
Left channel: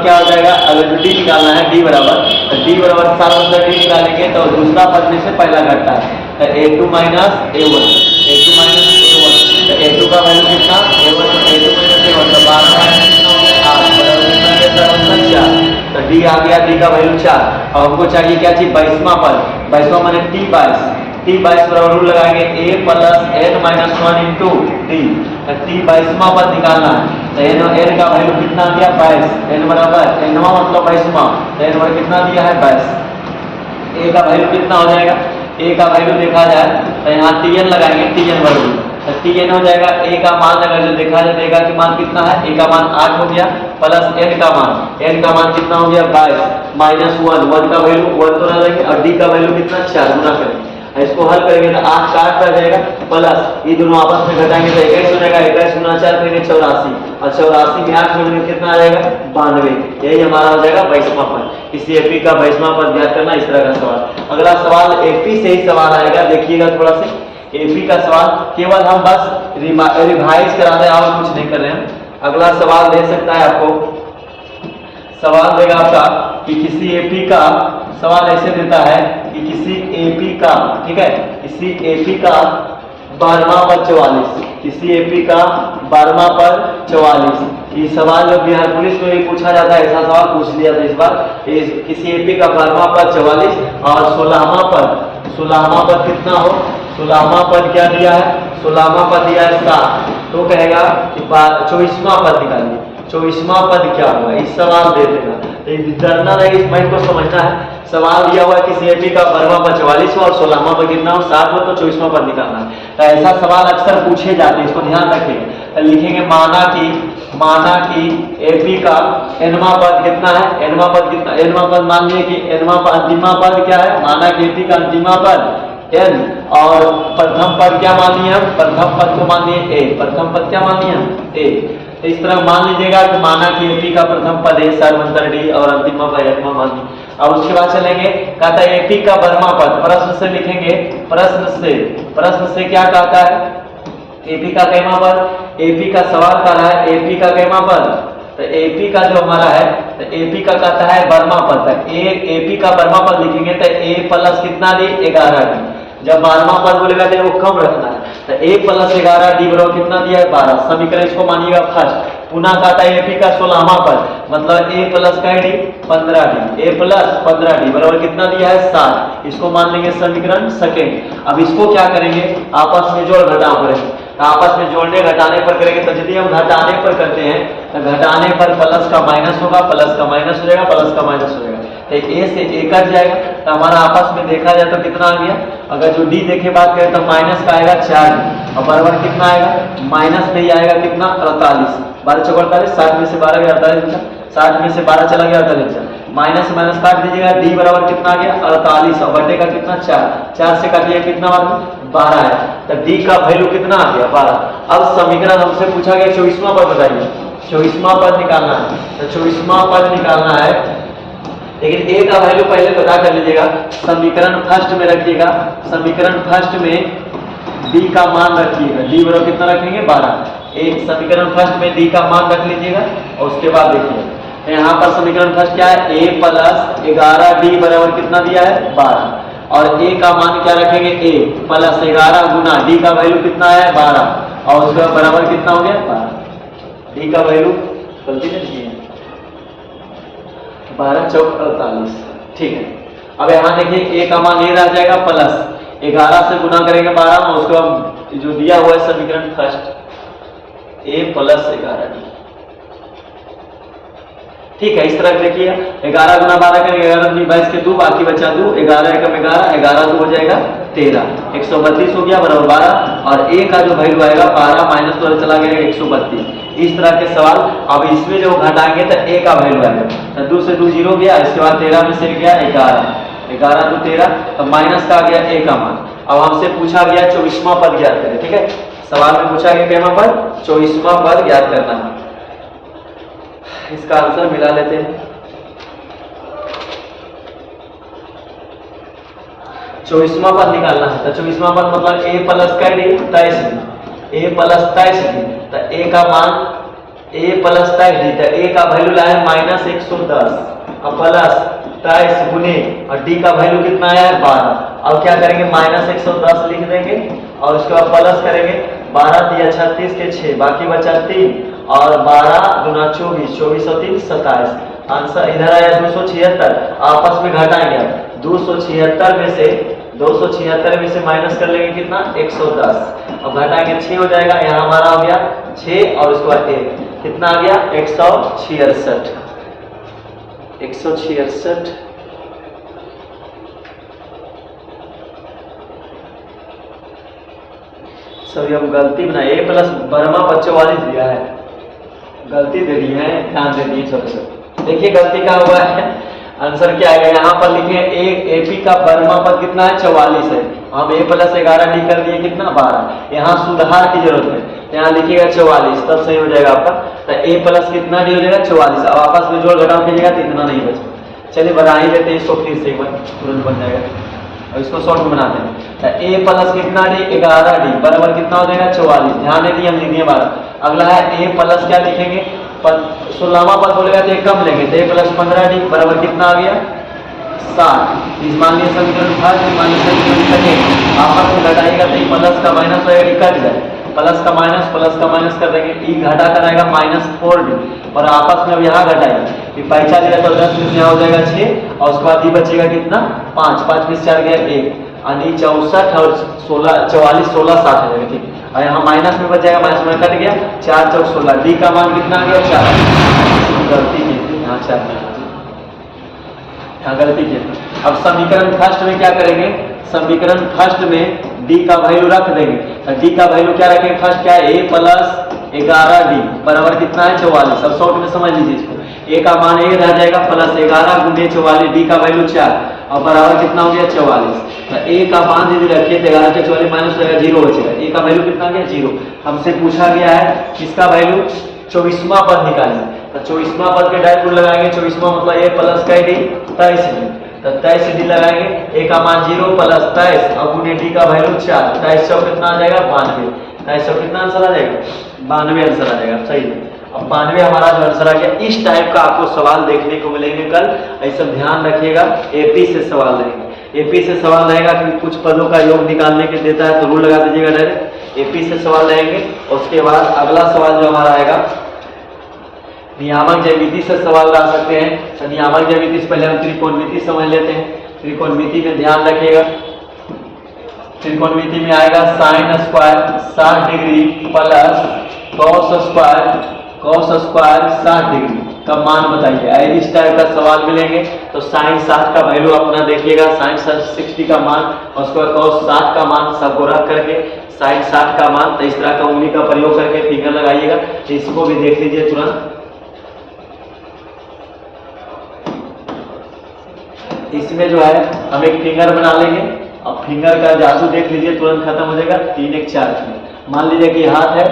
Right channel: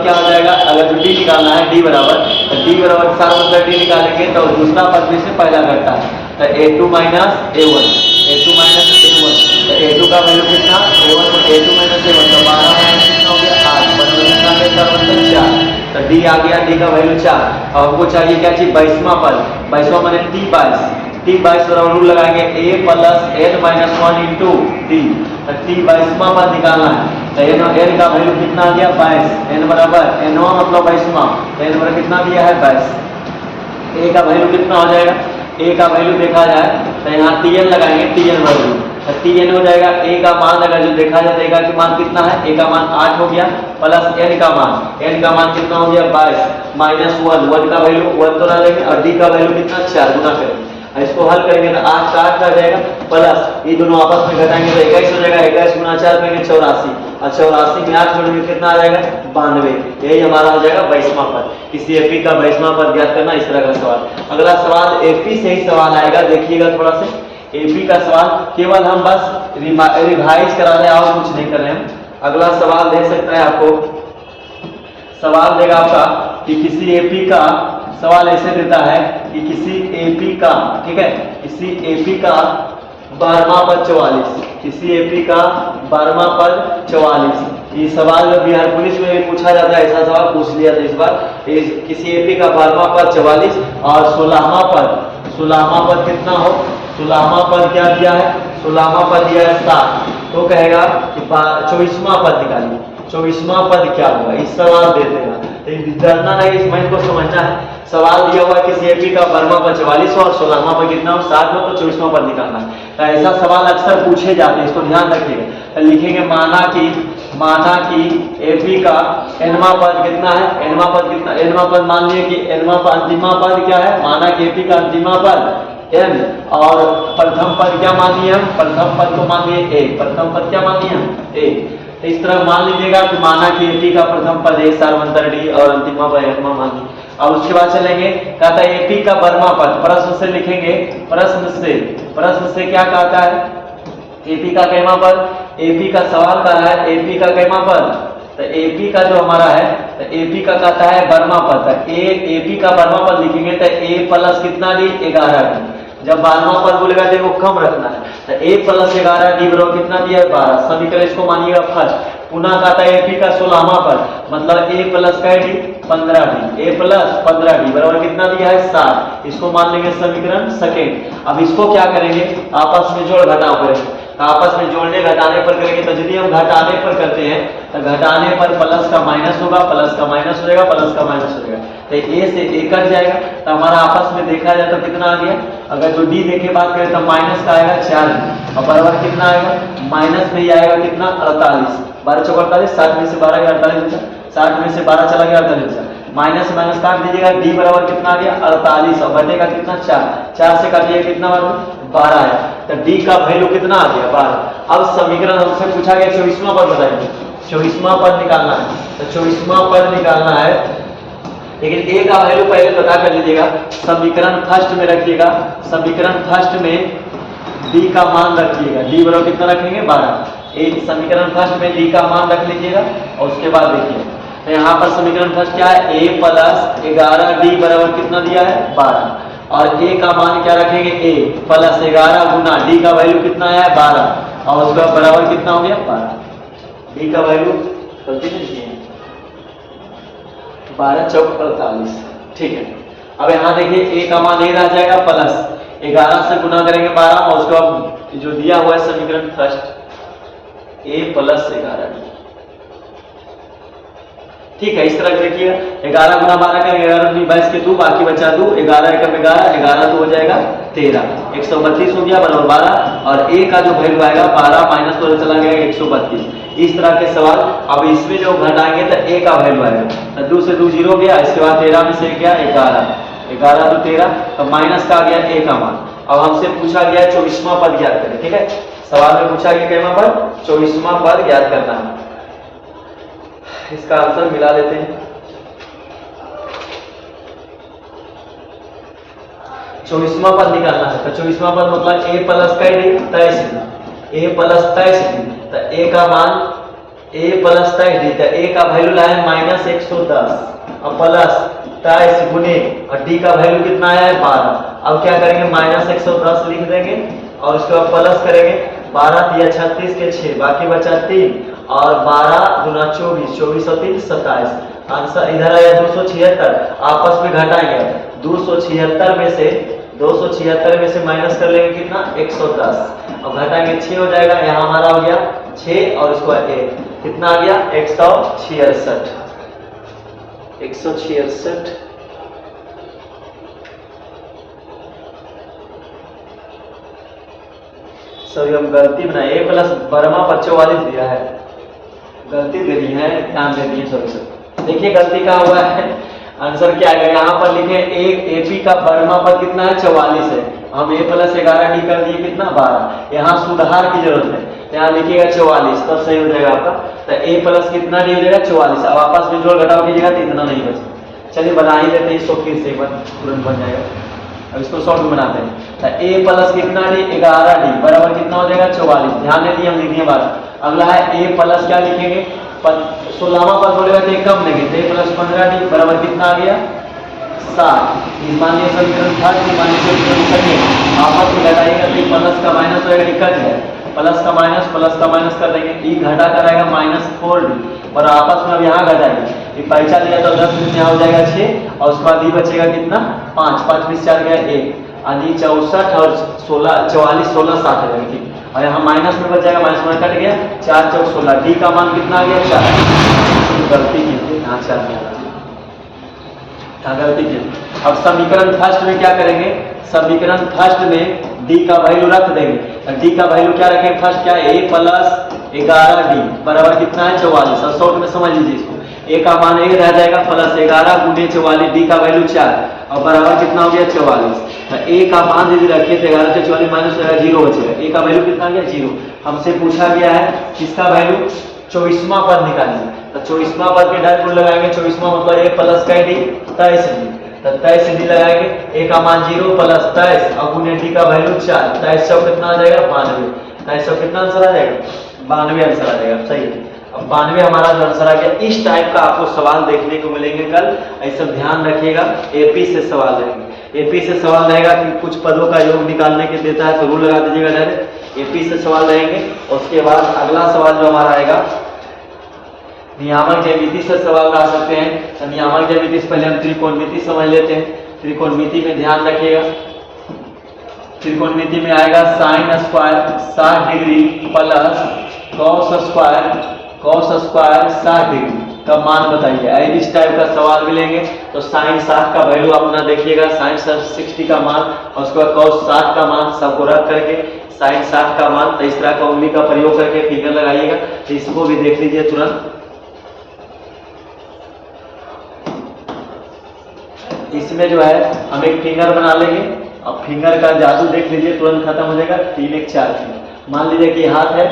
क्या हो जाएगा, अगर डी निकालना है डी बराबर, तो डी बराबर सारवंतर डी निकालेंगे तो दूसरा पद में से पहला घटता है, तो a2 माइनस a1, तो a2 का वैल्यू कितना, a1 तो a2 माइनस a1 तो 12 माइनस कितना हो गया 8, बराबर कितना है सारवंतर 4, तो डी आ गया, डी का वैल्यू 4। और हमको चाहिए क्या चीज, 22वां पद, 22वां माने t22 बराबर रूल लगाएंगे a plus n minus one into T. t22वां पद निकालना है तो एन का वैल्यू कितना आ गया 22, एन बराबर एनवा मतलब 22वां, तो एन बराबर कितना दिया है 22। ए का वैल्यू कितना हो जाएगा, ए का वैल्यू देखा जाए तो यहाँ टीएन लगाएंगे, टीएन वैल्यू तो टीएन हो जाएगा। ए का मान अगर जो देखा जाएगा कि मान कितना है, ए का मान 8 हो गया प्लस एन का मान कितना हो गया 22 माइनस 1 का वैल्यू 1 तो ना लेंगे और डी का वैल्यू कितना 4 गुना करेंगे। इसको हल करेंगे तो 8 का 8 रह जाएगा प्लस ये दोनों आपस में घटाएंगे तो 21 हो जाएगा, 21 गुना 4 करेंगे 84 और 84 में 8 जोड़ेंगे कितना आ जाएगा 92। यही हमारा हो जाएगा 22वां पद। इसी एपी का 22वां पद ज्ञात करना, इस तरह का सवाल। अगला सवाल एपी से ही सवाल आएगा, देखिएगा थोड़ा से एपी का सवाल केवल हम बस रिवाइज करा रहे हैं और कुछ नहीं कर रहे हैं। अगला सवाल दे सकता है आपको, सवाल देगा आपका कि किसी एपी का सवाल ऐसे देता है कि किसी एपी का, ठीक है, किसी एपी का 12वां पद 44, किसी एपी का 12वां पद 44। ये सवाल जो बिहार पुलिस में भी पूछा जाता है, ऐसा सवाल पूछ लिया था इस बार। किसी एपी का 12वां पद 44 और 16वां पद कितना हो, 16वां पद क्या दिया है, 16वां पद दिया है 7, तो कहेगा कि 24वां पद निकालिए, 24वां पद क्या होगा, इस सवाल दे देगा। डरना नहीं, इस मैथ को समझना है। सवाल दिया हुआ किसी एपी का 12वां पद 44 और 16वां पद कितना हो 7 हो, तो 24वां पद निकालना है। तो ऐसा सवाल अक्सर पूछे जाते हैं, इसको ध्यान रखिएगा। तो लिखेंगे माना कि एपी का एनवां पद कितना है, एनवां पद कितना, एनवां पद मान लिए कि एनवां अंतिमा पद क्या है, माना कि एपी का अंतिमा पद एन और प्रथम पद क्या मान लिए हम, प्रथम पद को मान लिए ए, प्रथम पद क्या मान लिए हम ए। तो इस तरह मान लीजिएगा कि माना कि एपी का प्रथम पद ए सारवंतर डी और अंतिमा पद एनवा मान ली। और उसके बाद चलेंगे, कहता है एपी का 12वां पद, प्रश्न से लिखेंगे, प्रश्न से क्या कहता है, एपी का कैमा पद, एपी का सवाल कर रहा है एपी का कैमा पद, तो एपी का जो हमारा है तो एपी का कहता है 12वां पद, एपी का 12वां पद लिखेंगे तो ए प्लस कितना डी 11 डी। जब 12वां पद बोलेगा तो वो कम रखना है, तो ए प्लस 11 डी बराबर कितना दिया है 12। समीकरण इसको मानिएगा फर्स्ट। पुनः कहता है एपी का 16वां पद, मतलब ए प्लस का डी 15 डी, ए प्लस 15 डी बराबर कितना दिया है 7। इसको मान लेंगे समीकरण सेकेंड। अब इसको क्या करेंगे, आपस में जोड़ घटाव करेंगे, आपस में जोड़ने घटाने पर करेंगे। तो यदि हम घटाने पर करते हैं तो घटाने पर प्लस का माइनस होगा, प्लस का माइनस हो जाएगा, प्लस का माइनस हो जाएगा, तो ए से ए कट जाएगा। तो हमारा आपस में देखा जाए तो कितना आ गया, अगर जो डी देखे बात करें तो माइनस का आएगा 4 और बराबर कितना आएगा, माइनस में ही आएगा कितना 48, 12 चौक 48, 7 में से 12 गया 48, 7 में से 12 चला गया 48, माइनस माइनस काट दीजिएगा, डी बराबर कितना आ गया 48 और बटे का कितना 4 से काटिए कितना 12 है, तो डी का वैल्यू कितना आ गया 12। अब समीकरण हमसे पूछा गया 24वां पद बताइए, 24वां पद निकालना है, तो 24वां पद निकालना है, लेकिन ए का वैल्यू पहले पता कर लीजिएगा। समीकरण फर्स्ट में रखिएगा, समीकरण फर्स्ट में डी का मान रखिएगा, डी बराबर कितना रखेंगे 12। एक समीकरण फर्स्ट में डी का मान रख लीजिएगा और उसके बाद देखिए तो यहाँ पर समीकरण फर्स्ट क्या है, a प्लस 11d बराबर कितना दिया है 12 और a का मान क्या रखेंगे a प्लस 11 गुना d का वैल्यू कितना है 12 और उसका बराबर कितना हो गया 12। d का वैल्यू गलती नहीं है 12 चौक 48। ठीक है, अब यहाँ देखिए a का मान a रह जाएगा प्लस 11 से गुना करेंगे 12 और उसके बाद जो दिया हुआ है समीकरण फर्स्ट a प्लस 11d। ठीक है, इस तरह देखिए 11 गुना 12 करेंगे 11 22 के 2 बाकी बचा 2 11 एकम 11 11 2 हो जाएगा 13 132 हो गया बराबर 12 और a का जो वैल्यू आएगा 12 माइनस 2 चला गया 132। इस तरह के सवाल अब इसमें जो घटाएंगे तो a का वैल्यू आएगा तो 2 से 2 0 गया, इसके बाद 13 में से गया 11 11 2 13 तो माइनस का आ गया a का मान। अब हमसे पूछा गया 24वां पद ज्ञात करें। ठीक है, सवाल में पूछा गया कितना पद 24वां पद ज्ञात करना है। इसका आंसर मिला लेते हैं। 24वां पद निकालना है तो 24वां पद मतलब a प्लस का 23 a प्लस 23 तो a का मान a प्लस 23 तो a का वैल्यू लाए माइनस 110 और प्लस 23 गुने और d का वैल्यू कितना आया है 12। अब क्या करेंगे माइनस 110 लिख देंगे और उसके बाद प्लस करेंगे 12 दिया 36 के 6 बाकी बचा 3 और 12 गुना 24 24 और 3 27। आंसर इधर आया 276। आपस में घटाएंगे 276 में से माइनस कर लेंगे कितना 110 और घटाएंगे 6 हो जाएगा। यहाँ हमारा हो गया 6 और उसके बाद 1 कितना आ गया 166। सभी हम गलती बनाए a प्लस बर्मा पर 44 दिया है, गलती दे दी है, ध्यान दे दिए सब। देखिए गलती का हुआ है, आंसर क्या आएगा यहाँ पर लिखे AP का बर्मा पर कितना है 44 है, हम a प्लस 11d कर दिए कितना 12। यहाँ सुधार की जरूरत है, यहाँ लिखिएगा 44 तब सही हो जाएगा आपका। तो a प्लस कितना d हो जाएगा 44। अब आपस में जोड़ घटाव कीजिएगा तो इतना नहीं बचा। चलिए बना ही लेते हैं इसको फिर से एक बार, तुरंत बन जाएगा। अब इसको शॉर्ट में बनाते हैं तो a प्लस कितना d 11d बराबर कितना हो जाएगा 44। ध्यान दें हम लिख दिए बात। अगला है a प्लस क्या लिखेंगे 16वां पद बोलेगा तो एक कम लेंगे तो a प्लस 15d बराबर कितना आ गया 60। इस मान लीजिए समीकरण था कि मान लीजिए समीकरण कटेंगे आपस में घटाएगा तो प्लस का माइनस होगा कट जाए प्लस का माइनस कर देंगे e घटा कर आएगा -4d और आपस में अब यहाँ घटाएंगे ये पैसा दिया तो 10 में यहाँ हो जाएगा 6 और उसके बाद e बचेगा कितना 5 5 में 4 गया 1 यानी 64 और 16 44 16 60 हो जाएगा। ठीक और यहाँ माइनस में बच जाएगा, माइनस में कट गया 4 चौक 16 d का मान कितना आ गया 4। गलती की यहाँ 4 में यहाँ गलती की। अब समीकरण फर्स्ट में क्या करेंगे, समीकरण फर्स्ट में d का वैल्यू रख देंगे। d का वैल्यू क्या रखेंगे फर्स्ट क्या है a प्लस 11d बराबर कितना है 44। अब शॉर्ट में समझ लीजिए इसको, a का मान a रह जाएगा प्लस 11 गुने 44 d का वैल्यू 4 और बराबर कितना हो गया 44। तो a का मान यदि रखिए तो 11 से 44 माइनस हो जाएगा 0 बचेगा। a का वैल्यू कितना गया 0। हमसे पूछा गया है किसका वैल्यू 24वां पद निकालिए तो 24वां पद के डायरेक्ट लगाएंगे। 24वां मतलब a प्लस का d 23d तो 23d लगाएंगे, a का मान 0 प्लस 23 और गुने d का वैल्यू 4 23 चौक कितना आ जाएगा 92 23 चौक कितना आंसर आ जाएगा 92 आंसर आ जाएगा। सही है, अब 92 हमारा जो आंसर आ गया। इस टाइप का आपको सवाल देखने को मिलेंगे कल, ऐसा ध्यान रखिएगा। AP से सवाल रहेंगे, AP से सवाल रहेगा कि कुछ पदों का योग निकालने के देता है तो रूल लगा दीजिएगा डायरेक्ट। AP से सवाल रहेंगे। उसके बाद अगला सवाल जो हमारा आएगा नियामक ज्यामिति से सवाल ला सकते हैं। तो नियामक ज्यामिति से पहले हम त्रिकोणमिति समझ लेते हैं। त्रिकोणमिति में ध्यान रखिएगा, त्रिकोणमिति में आएगा sine square 60 degree plus cos square 60 degree का मान बताइए। आई इस टाइप का सवाल मिलेंगे तो साइन 60 का वैल्यू अपना देखिएगा, साइन 60 का मान और उसके बाद कॉस 60 का मान सबको रख करके साइन 60 का मान तो इस तरह का उंगली का प्रयोग करके फिगर लगाइएगा। तो इसको भी देख लीजिए तुरंत। इसमें जो है हम एक फिंगर बना लेंगे। अब फिंगर का जादू देख लीजिए, तुरंत खत्म हो जाएगा। 3 1 4 3 मान लीजिए कि हाथ है,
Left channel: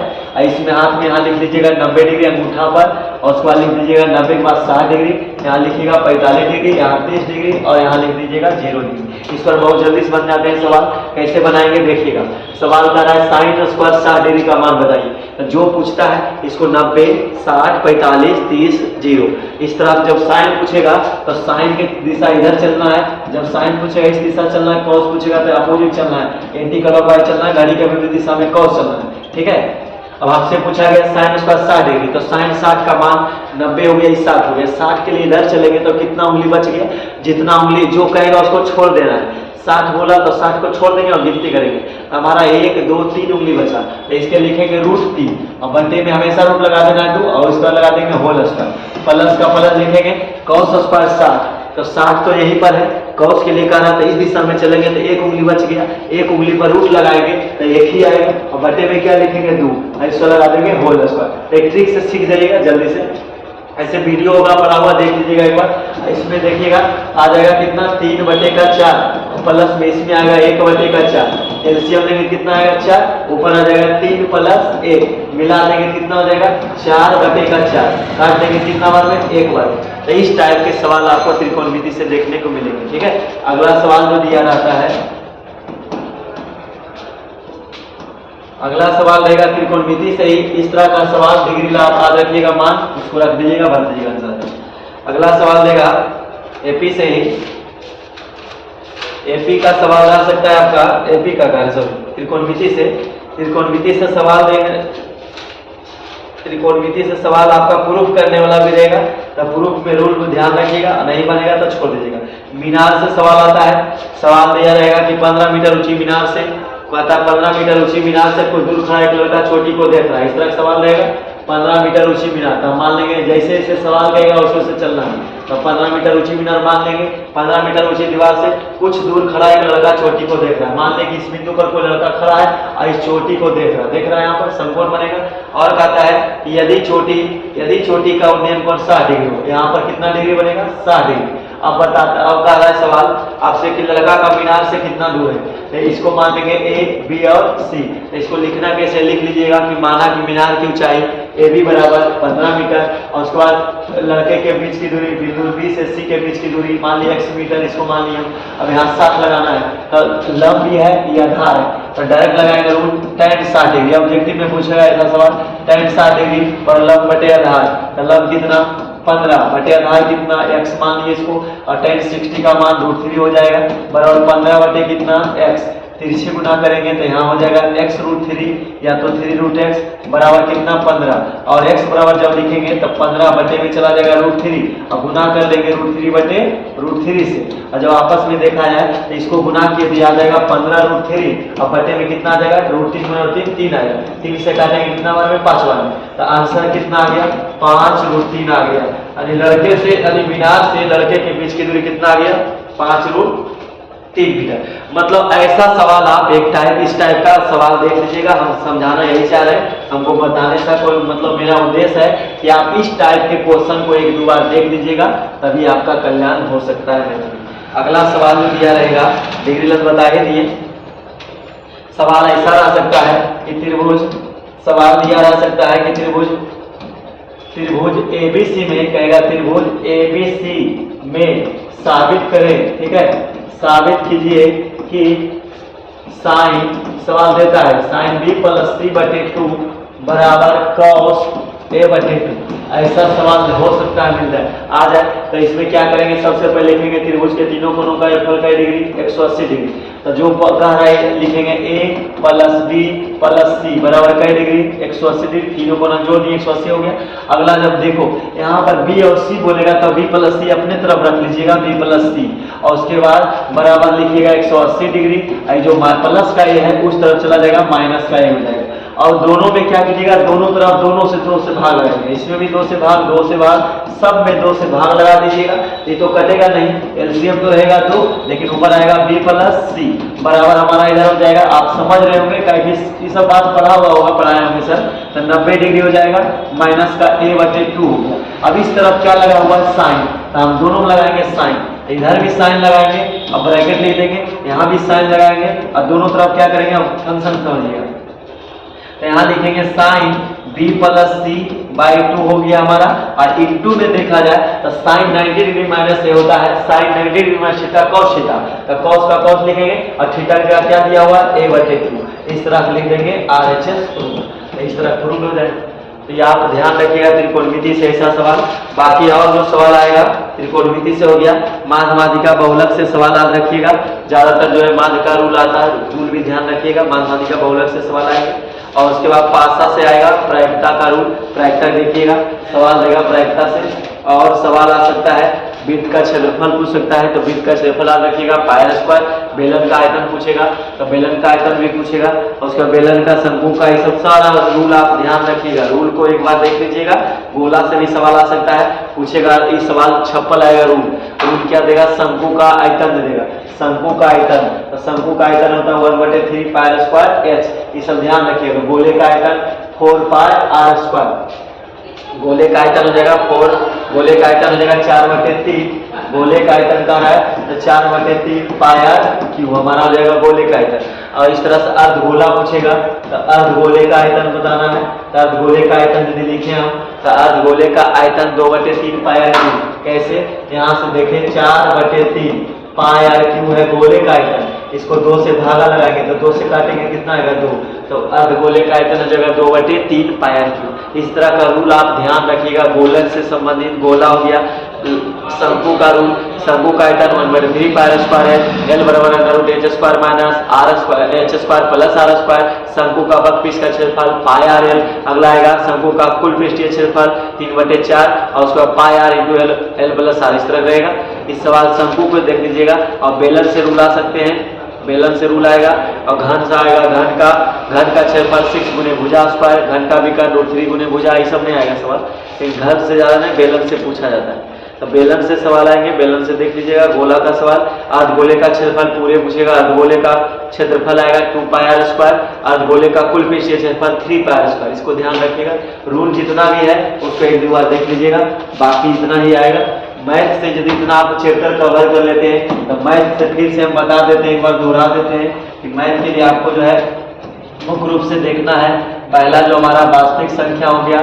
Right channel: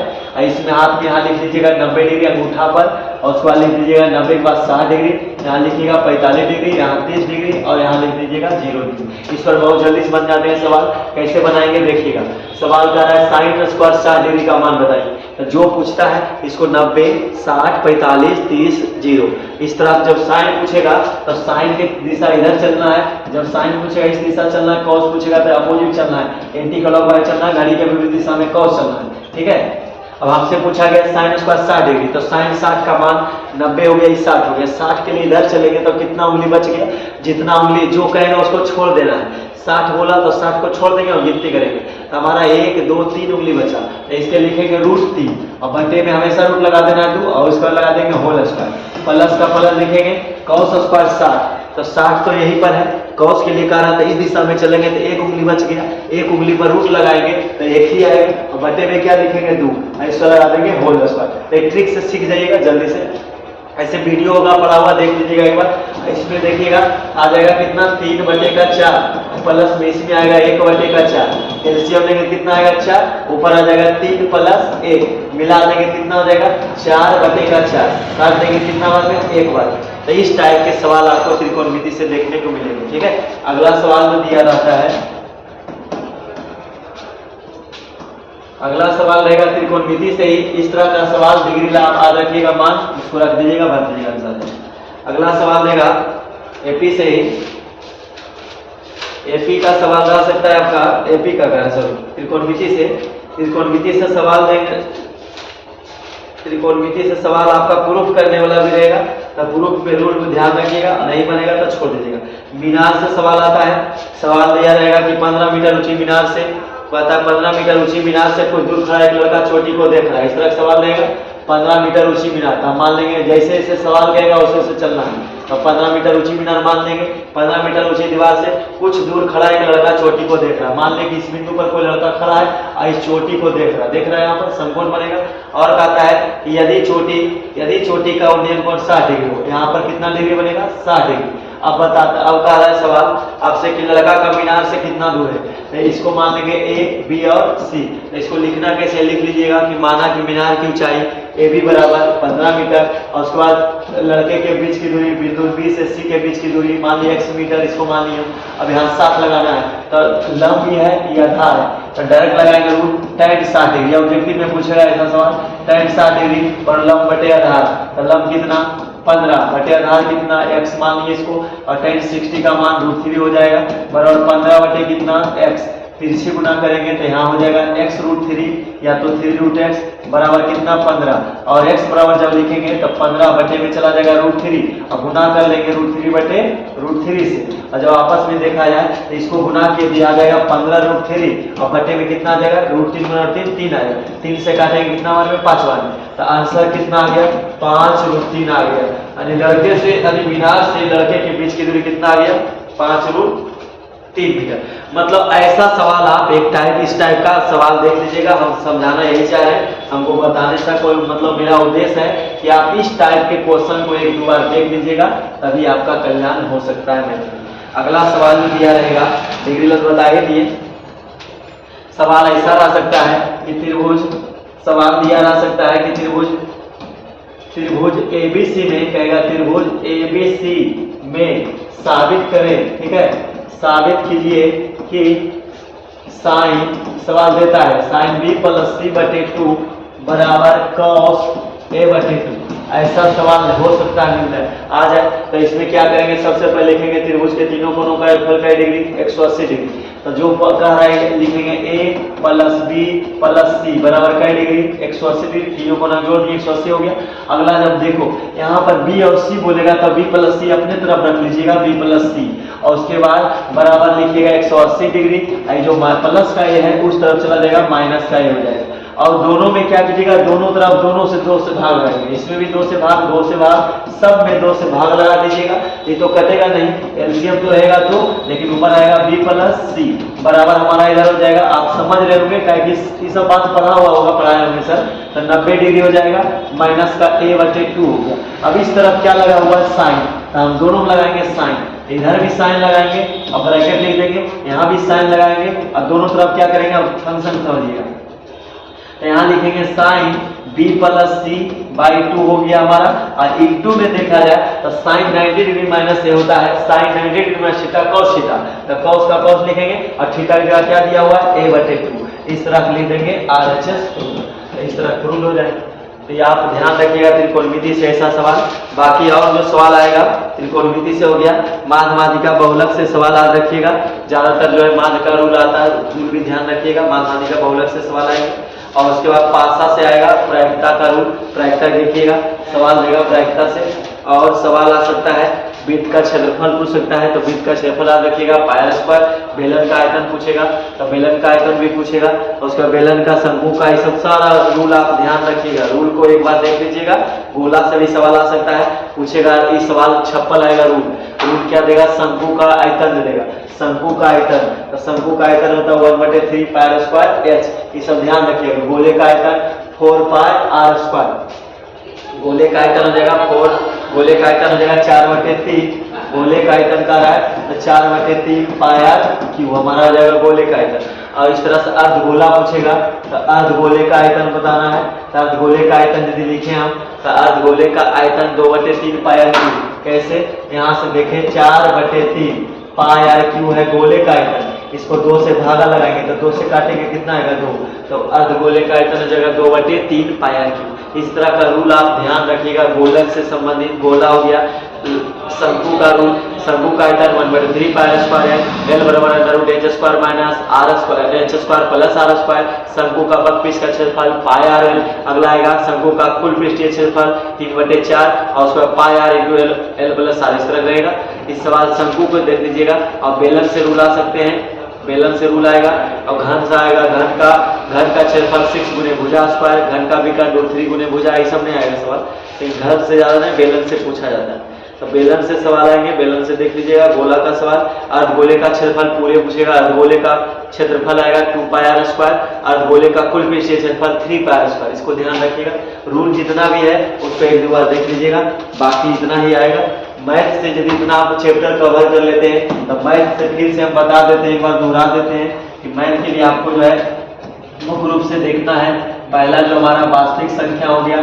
इसमें हाथ में यहाँ लिख लीजिएगा 90 डिग्री अंगूठा पर और उसके बाद लिख दीजिएगा 90 के बाद 60 डिग्री, यहाँ लिखिएगा 45 डिग्री, यहाँ 30 डिग्री और यहाँ लिख दीजिएगा 0 डिग्री। इस पर बहुत जल्दी से बन जाते हैं सवाल। कैसे बनाएंगे देखिएगा। सवाल कर रहा है साइन स्क्वायर 60 डिग्री का मान बताइए। तो जो पूछता है इसको 90, 60, 45, 30, 0 इस तरह जब साइन पूछेगा तो साइन की दिशा इधर चलना है। जब साइन पूछेगा इस दिशा चलना है, कॉस पूछेगा तो अपोजिट चलना है, एंटी क्लॉकवाइज चलना है, घड़ी के विपरीत दिशा में कॉस चलना है। ठीक है। अब आपसे पूछा गया साइन स्क्वायर 60 डिग्री, तो साइन 60 का मान 90 हो गया, 60 हो गया। 60 के लिए इधर चलेंगे तो कितना उंगली बच गया, जितना उंगली जो कहेगा उसको छोड़ देना है। 60 बोला तो 60 को छोड़ देंगे और गिनती करेंगे तो हमारा 1, 2, 3 उंगली बचा। तो इसके लिखेंगे √3 और बंटे में हमेशा रूट लगा देना है 2 और स्क्वायर लगा देंगे होल स्क्वायर। प्लस का प्लस लिखेंगे कॉस स्क्वायर 60, तो 60 तो यहीं पर है, कॉस के लिए कह रहा था इस दिशा में चलेंगे तो 1 उंगली बच गया, 1 उंगली पर रूट लगाएंगे तो 1 ही आएगा और बटे में क्या लिखेंगे 2 और इसको लगा देंगे होल स्क्वायर। तो एक ट्रिक से सीख जाइएगा जल्दी से। ऐसे वीडियो होगा पड़ा हुआ देख लीजिएगा एक बार। इसमें देखिएगा आ जाएगा कितना 3/4 प्लस में इसमें आएगा 1/4। एलसीएम लेंगे कितना आएगा 4, ऊपर आ जाएगा 3 + 1 मिला देंगे कितना हो जाएगा 4/4। काट देंगे कितना बार में 1 बार। तो इस टाइप के सवाल आपको त्रिकोणमिति से देखने को मिलेंगे। ठीक है। अगला सवाल जो दिया रहता है, अगला सवाल रहेगा त्रिकोणमिति से ही इस तरह का सवाल। डिग्री ला आप याद रखिएगा, मान उसको रख दीजिएगा, भर दीजिएगा आंसर। अगला सवाल देगा एपी से ही। एपी का सवाल रह सकता है आपका, एपी का त्रिकोणमिति से। त्रिकोणमिति से सवाल देंगे, त्रिकोणमिति से सवाल आपका प्रूफ करने वाला भी रहेगा, तो प्रूफ में रूल में ध्यान रखिएगा, नहीं बनेगा तो छोड़ दीजिएगा। मीनार से सवाल आता है। सवाल दिया रहेगा कि 15 मीटर ऊंची मीनार से, कहता है 15 मीटर ऊंची मीनार से कुछ दूर खड़ा एक लड़का चोटी को देख रहा है। इस तरह का सवाल रहेगा 15 मीटर ऊंची मीनार। तो मान लेंगे जैसे जैसे सवाल कहेगा उसे से चलना है। तो 15 मीटर ऊंची मीनार मान लेंगे। 15 मीटर ऊंची दीवार से कुछ दूर खड़ा एक लड़का चोटी को देख रहा है। मान लें कि इस बिंदु पर कोई लड़का खड़ा है और इस चोटी को देख रहा है, यहाँ पर समकोण बनेगा। और कहता है कि यदि चोटी का उन्नयन कोण 60 डिग्री हो, यहाँ पर कितना डिग्री बनेगा 60 डिग्री। अब बताता, अब कह रहा है सवाल आपसे कि लड़का का मीनार से कितना दूर है। तो इसको मान लेंगे A, B और C। तो इसको लिखना कैसे, लिख लीजिएगा कि माना कि मीनार की ऊंचाई AB बराबर 15 मीटर और उसके बाद लड़के के बीच की दूरी बिंदु B से C के बीच की दूरी मान लिया x मीटर, इसको मान लिया। अब यहाँ 60 लगाना है, तो लंब भी है ये आधार है, तो डायरेक्ट लगाएंगे रूट tan 60 डिग्री। ऑब्जेक्टिव में पूछेगा ऐसा सवाल tan 60 डिग्री और लंब बटे आधार, तो लंब कितना 15 बटे आधार कितना x मान लिए इसको, और tan 60 का मान √3 हो जाएगा बराबर 15 बटे कितना x। तिरछे गुना करेंगे तो यहाँ हो जाएगा x √3 या तो 3√x बराबर कितना 15, और x बराबर जब लिखेंगे तो 15 बटे में चला जाएगा √3 और गुना कर लेंगे √3 बटे √3 से। और जब आपस में देखा जाए तो इसको गुना किए भी आ जाएगा 15√3 और बटे में कितना आ जाएगा √3 गुना 3 आएगा। 3 से काटेंगे कितना बार में 5 बार में, तो आंसर कितना आ गया 5√3 आ गया। यानी लड़के से यानी मीनार से लड़के के बीच की दूरी कितना आ गया 5√3 मीटर। मतलब ऐसा सवाल आप एक टाइप इस टाइप का सवाल देख लीजिएगा। हम समझाना यही चाह रहे हैं, हमको बताने का कोई मतलब मेरा उद्देश्य है कि आप इस टाइप के क्वेश्चन को 1-2 बार देख लीजिएगा, तभी आपका कल्याण हो सकता है मेरे। अगला सवाल जो दिया रहेगा डिग्री लग बता के दिए। सवाल ऐसा रह सकता है कि त्रिभुज, सवाल दिया रह सकता है कि त्रिभुज ABC में कहेगा त्रिभुज ABC में साबित करें। ठीक है, साबित कीजिए कि साइन, सवाल देता है साइन B + C/2 बराबर cos A/2। ऐसा सवाल हो सकता है, मिल जाए आ जाए। तो इसमें क्या करेंगे, सबसे पहले लिखेंगे त्रिभुज के तीनों कोणों का योगफल का डिग्री 180 डिग्री। तो जो कह रहा है लिखेंगे A + B + C बराबर का डिग्री 180 डिग्री। तीनों कोण जोड़ दिए 180 हो गया। अगला जब देखो यहाँ पर B और C बोलेगा तो B + C अपने तरफ रख लीजिएगा, B + C, और उसके बाद बराबर लिखिएगा 180 डिग्री। जो प्लस का ये है उस तरफ चला जाएगा, माइनस का ये हो जाएगा। और दोनों में क्या कीजिएगा, दोनों तरफ दोनों से 2 से भाग लगाएंगे। इसमें भी 2 से भाग, 2 से भाग, सब में 2 से भाग लगा दीजिएगा। ये तो कटेगा नहीं, एलसीएम तो रहेगा 2, लेकिन ऊपर आएगा B + C बराबर हमारा इधर हो जाएगा। आप समझ रहे होंगे कि ये सब बात पढ़ा हुआ होगा, पढ़ाए होंगे सर। तो 90 डिग्री हो जाएगा, माइनस का A/2 हो गया। अब इस तरफ क्या लगा हुआ साइन, तो हम दोनों में लगाएंगे साइन। इधर भी साइन लगाएंगे और ब्रैकेट लिख देंगे, यहाँ भी साइन लगाएंगे और दोनों तरफ क्या करेंगे, अब फंक्शन समझिएगा। तो यहाँ लिखेंगे साइन B b+c/2 हो गया हमारा। और इंटू में देखा जाए तो sin 90 डिग्री माइनस ए होता है sin 90 degree minus theta cos theta, तो cos का cos लिखेंगे और थीटा की जगह क्या दिया हुआ है a/2, इस तरह लिख देंगे RHS प्रूफ, इस तरह प्रूफ हो जाएगा। तो ये आप ध्यान रखिएगा त्रिकोणमिति से ऐसा सवाल। बाकी और जो सवाल आएगा त्रिकोणमिति से हो गया, माध्य माध्यिका बहुलक से सवाल याद रखिएगा, ज्यादातर जो है माध्य का रूल आता है, रूल भी ध्यान रखिएगा, माध्य माध्यिका बहुलक से सवाल आएंगे। और उसके बाद पासा से आएगा प्रायिकता का रूल, प्रायिकता देखिएगा सवाल देगा प्रायिकता से। और सवाल आ सकता है वृत्त का क्षेत्रफल पूछ सकता है, तो वृत्त का क्षेत्रफल याद रखिएगा πr²। बेलन का आयतन पूछेगा तो बेलन का आयतन भी पूछेगा, और उसका बेलन का शंकु का, ये सब सारा रूल आप ध्यान रखिएगा, रूल को एक बार देख लीजिएगा। गोला से भी सवाल आ सकता है, पूछेगा इस सवाल छप्पल आएगा रूल, रूल क्या देगा, शंकु का आयतन दे देगा, शंकु का आयतन, तो शंकु का आयतन होता है 1/3 πr²h, ये सब ध्यान रखिएगा। गोले का आयतन 4πr², गोले का आयतन हो जाएगा 4, गोले का आयतन हो जाएगा 4/3, गोले का आयतन का है तो 4/3 πr³ हमारा हो जाएगा गोले का आयतन। और इस तरह से अर्धगोला पूछेगा तो अर्धगोले का आयतन बताना है, तो अर्धगोले का आयतन यदि लिखे हम तो अर्धगोले का आयतन 2/3 πr³, कैसे, यहाँ से देखें 4/3 πr³ है गोले का आयतन, इसको 2 से धागा लगाएंगे तो 2 से काटेंगे कितना आएगा 2, तो अर्धगोले का आयतन हो जाएगा 2/3 πr³। इस तरह का रूल आप ध्यान रखिएगा। गोलक से संबंधित गोला हो गया, शंकु का रूल, शंकु का आयतन 1/3 πr² है, l बराबर h² - r² h² शंकु का वर्कपीस का क्षेत्रफल πr_l। अगला आएगा शंकु का कुल पृष्ठीय क्षेत्रफल 3/4 और उसका πr × l+r, इस तरह रहेगा। इस सवाल शंकु को देख लीजिएगा। और बेलन से रूल आ सकते हैं, बेलन से रूल आएगा। और घन से आएगा, घन का क्षेत्रफल 6 × भुजा², घन का विकर्ण √3 × भुजा, ये सब नहीं आएगा सवाल, लेकिन घन से ज्यादा नहीं बेलन से पूछा जाता है, तो बेलन से सवाल आएंगे, बेलन से देख लीजिएगा। गोला का सवाल, अर्धगोले का क्षेत्रफल पूरे पूछेगा, अर्धगोले का क्षेत्रफल आएगा 2πr², अर्धगोले का कुल पृष्ठीय क्षेत्रफल 3πr², इसको ध्यान रखिएगा। रूल जितना भी है उसको एक दो बार देख लीजिएगा, बाकी इतना ही आएगा। मैथ से यदि इतना आप चैप्टर कवर कर लेते हैं तो मैथ से फिर से हम बता देते हैं, एक बार दोहरा देते हैं कि मैथ के लिए आपको जो है मुख्य रूप से देखना है, पहला जो हमारा वास्तविक संख्या हो गया,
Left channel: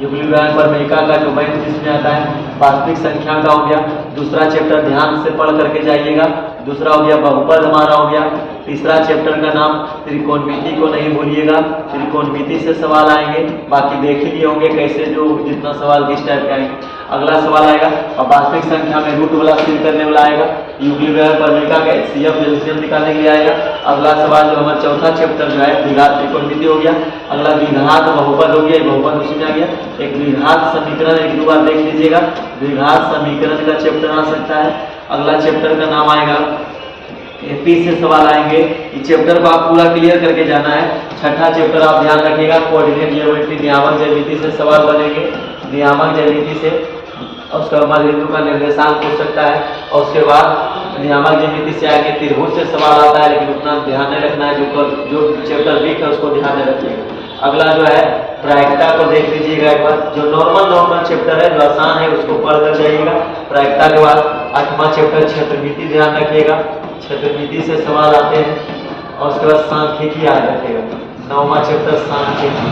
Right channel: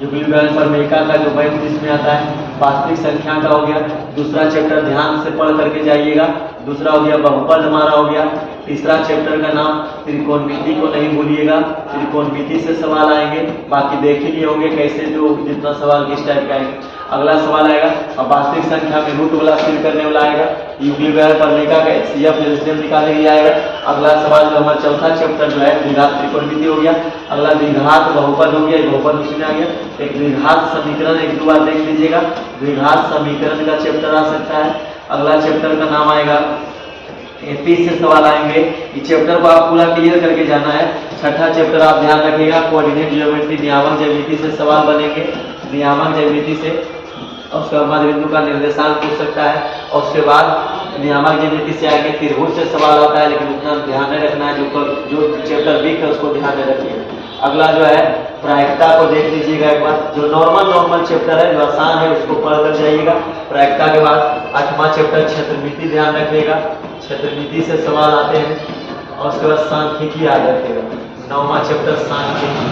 युगल व्यंजक प्रमेयिका का जो मैथ जिसमें आता है वास्तविक संख्या का हो गया। दूसरा चैप्टर ध्यान से पढ़ करके जाइएगा। दूसरा हो गया बहुपद हमारा हो गया। तीसरा चैप्टर का नाम त्रिकोणमिति को नहीं भूलिएगा, त्रिकोणमिति से सवाल आएंगे, बाकी देख ही लिए होंगे कैसे जो जितना सवाल किस टाइप के आएंगे। अगला सवाल आएगा और वास्तविक संख्या में रूट वाला फिल करने वाला आएगा, युगल व्यंजक प्रमेयिका का HCF एलसीएम निकालने के लिए आएगा। अगला सवाल जो हमारा चौथा चैप्टर जो है द्विघात त्रिकोणमिति हो गया। अगला द्विघात बहुपद हो गया, बहुपद उसी में आ गया। एक द्विघात समीकरण एक दो बार देख लीजिएगा, द्विघात समीकरण का चैप्टर आ सकता है। अगला चैप्टर का नाम आएगा एपी से सवाल आएंगे, इस चैप्टर को आप पूरा क्लियर करके जाना है। छठा चैप्टर आप ध्यान रखिएगा, कोऑर्डिनेट ज्योमेट्री नियामक ज्यामिति से सवाल बनेंगे, नियामक ज्यामिति से। और उसके बाद बिंदु का निर्देशांक पूछ सकता है। और उसके बाद नियामक ज्यामिति से आगे त्रिभुज से सवाल आता है, लेकिन उतना ध्यान नहीं रखना है, जो चैप्टर वीक है उसको ध्यान में रखिएगा। अगला जो है प्रायिकता को देख लीजिएगा एक बार, जो नॉर्मल चैप्टर है, जो आसान है उसको पढ़ कर जाइएगा। प्रायिकता के बाद आठवां चैप्टर क्षेत्रमिति ध्यान रखिएगा, क्षेत्रमिति से सवाल आते हैं। और उसके बाद सांख्यिकी याद रखिएगा, नौवां चैप्टर सांख्यिकी।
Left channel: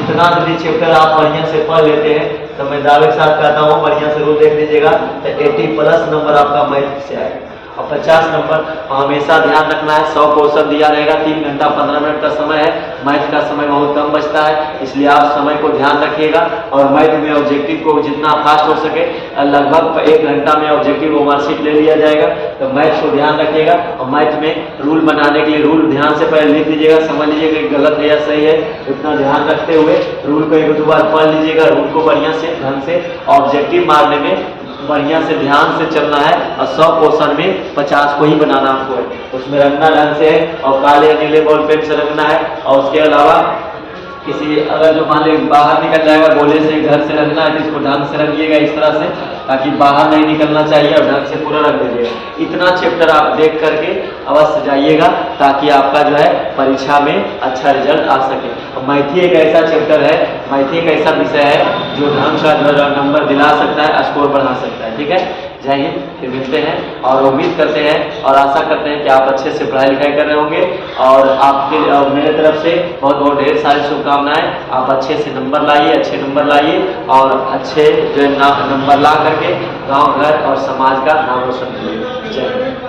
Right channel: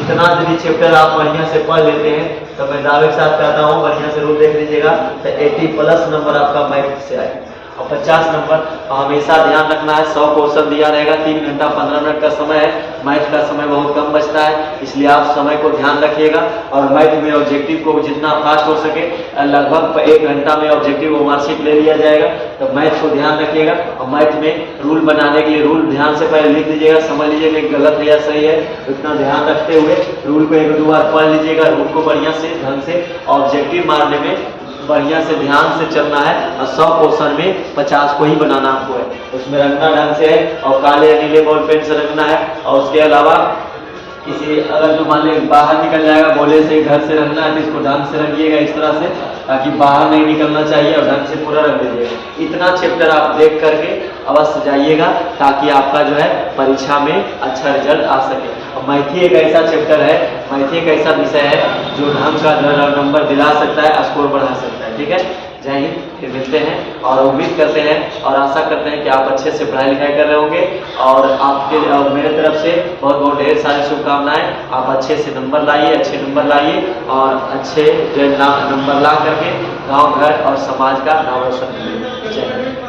इतना यदि चैप्टर आप बढ़िया से पढ़ लेते हैं तो मैं दावे के साथ कहता हूँ बढ़िया से रूल देख लीजिएगा तो 80+ नंबर आपका मैथ से आए। और 50 नंबर हमेशा ध्यान रखना है, 100 क्वेश्चन दिया रहेगा, 3 घंटा 15 मिनट का समय है, मैथ का समय बहुत कम बचता है, इसलिए आप समय को ध्यान रखिएगा। और मैथ में ऑब्जेक्टिव को जितना फास्ट हो सके, लगभग 1 घंटा में ऑब्जेक्टिव मार्कशीट ले लिया जाएगा, तो मैथ को ध्यान रखिएगा। और मैथ में रूल बनाने के लिए रूल ध्यान से पहले लिख लीजिएगा, समझ लीजिएगा कि गलत है या सही है, इतना ध्यान रखते हुए रूल को 1-2 बार पढ़ लीजिएगा। रूल को बढ़िया से ढंग से ऑब्जेक्टिव मारने में बढ़िया से ध्यान से चलना है। और 100 क्वेश्चन में 50 को ही बनाना आपको है, उसमें रंगना ढंग से है और काले नीले बॉल पेन से रंगना है। और उसके अलावा किसी अगर जो मान लीजिए बाहर निकल जाएगा गोले से, घर से रंगना है तो इसको ढंग से रंगिएगा इस तरह से, ताकि बाहर नहीं निकलना चाहिए, और ढंग से पूरा रंग दीजिएगा। इतना चैप्टर आप देख करके अवश्य जाइएगा, ताकि आपका जो है परीक्षा में अच्छा रिजल्ट आ सके। और मैथी एक ऐसा चैप्टर है, मैथी एक ऐसा विषय है जो ढंग का जो है नंबर दिला सकता है, स्कोर बढ़ा सकता है। ठीक है, जय हिंद, फिर मिलते हैं और उम्मीद करते हैं और आशा करते हैं कि आप अच्छे से पढ़ाई लिखाई कर रहे होंगे और आपके मेरे तरफ से बहुत बहुत ढेर सारी शुभकामनाएं। आप अच्छे से नंबर लाइए, अच्छे नंबर लाइए और अच्छे जो नंबर ला करके गांव, घर और समाज का नाम रोशन करिए। जय हिंद।